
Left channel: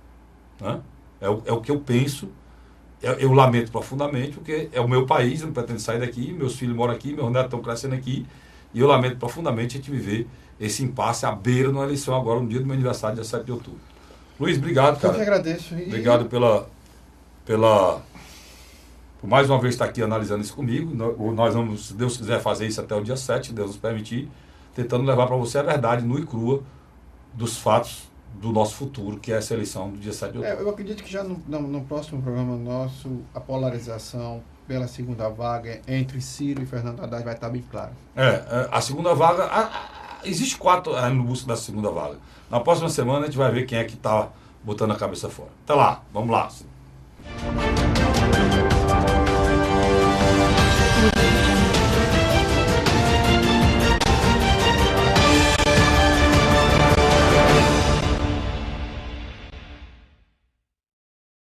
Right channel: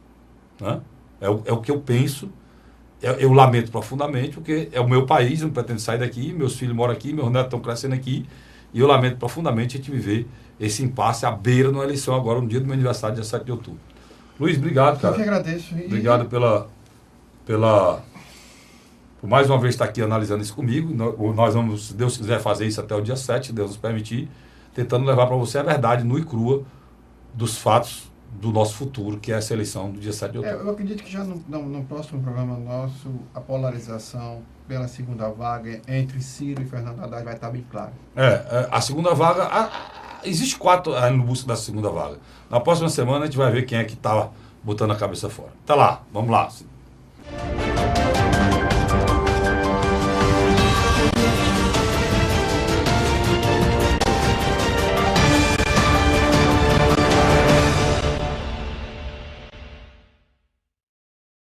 Né? É o que eu penso. Eu lamento profundamente, porque é o meu país, eu não pretendo sair daqui, meus filhos moram aqui, meus netos estão crescendo aqui, e eu lamento profundamente a gente viver esse impasse à beira de uma eleição agora, no dia do meu aniversário, dia 7 de outubro. Luiz, obrigado, cara. Eu que agradeço. Obrigado por mais uma vez estar aqui analisando isso comigo. Nós vamos, se Deus quiser, fazer isso até o dia 7, se Deus nos permitir, tentando levar para você a verdade nua e crua dos fatos do nosso futuro, que é essa eleição do dia 7 de outubro. Eu acredito que já no próximo programa nosso, a polarização pela segunda vaga entre Ciro e Fernando Haddad vai estar bem clara. A segunda vaga, existe 4 aí no busca da segunda vaga. Na próxima semana a gente vai ver quem é que está botando a cabeça fora. Até lá, vamos lá.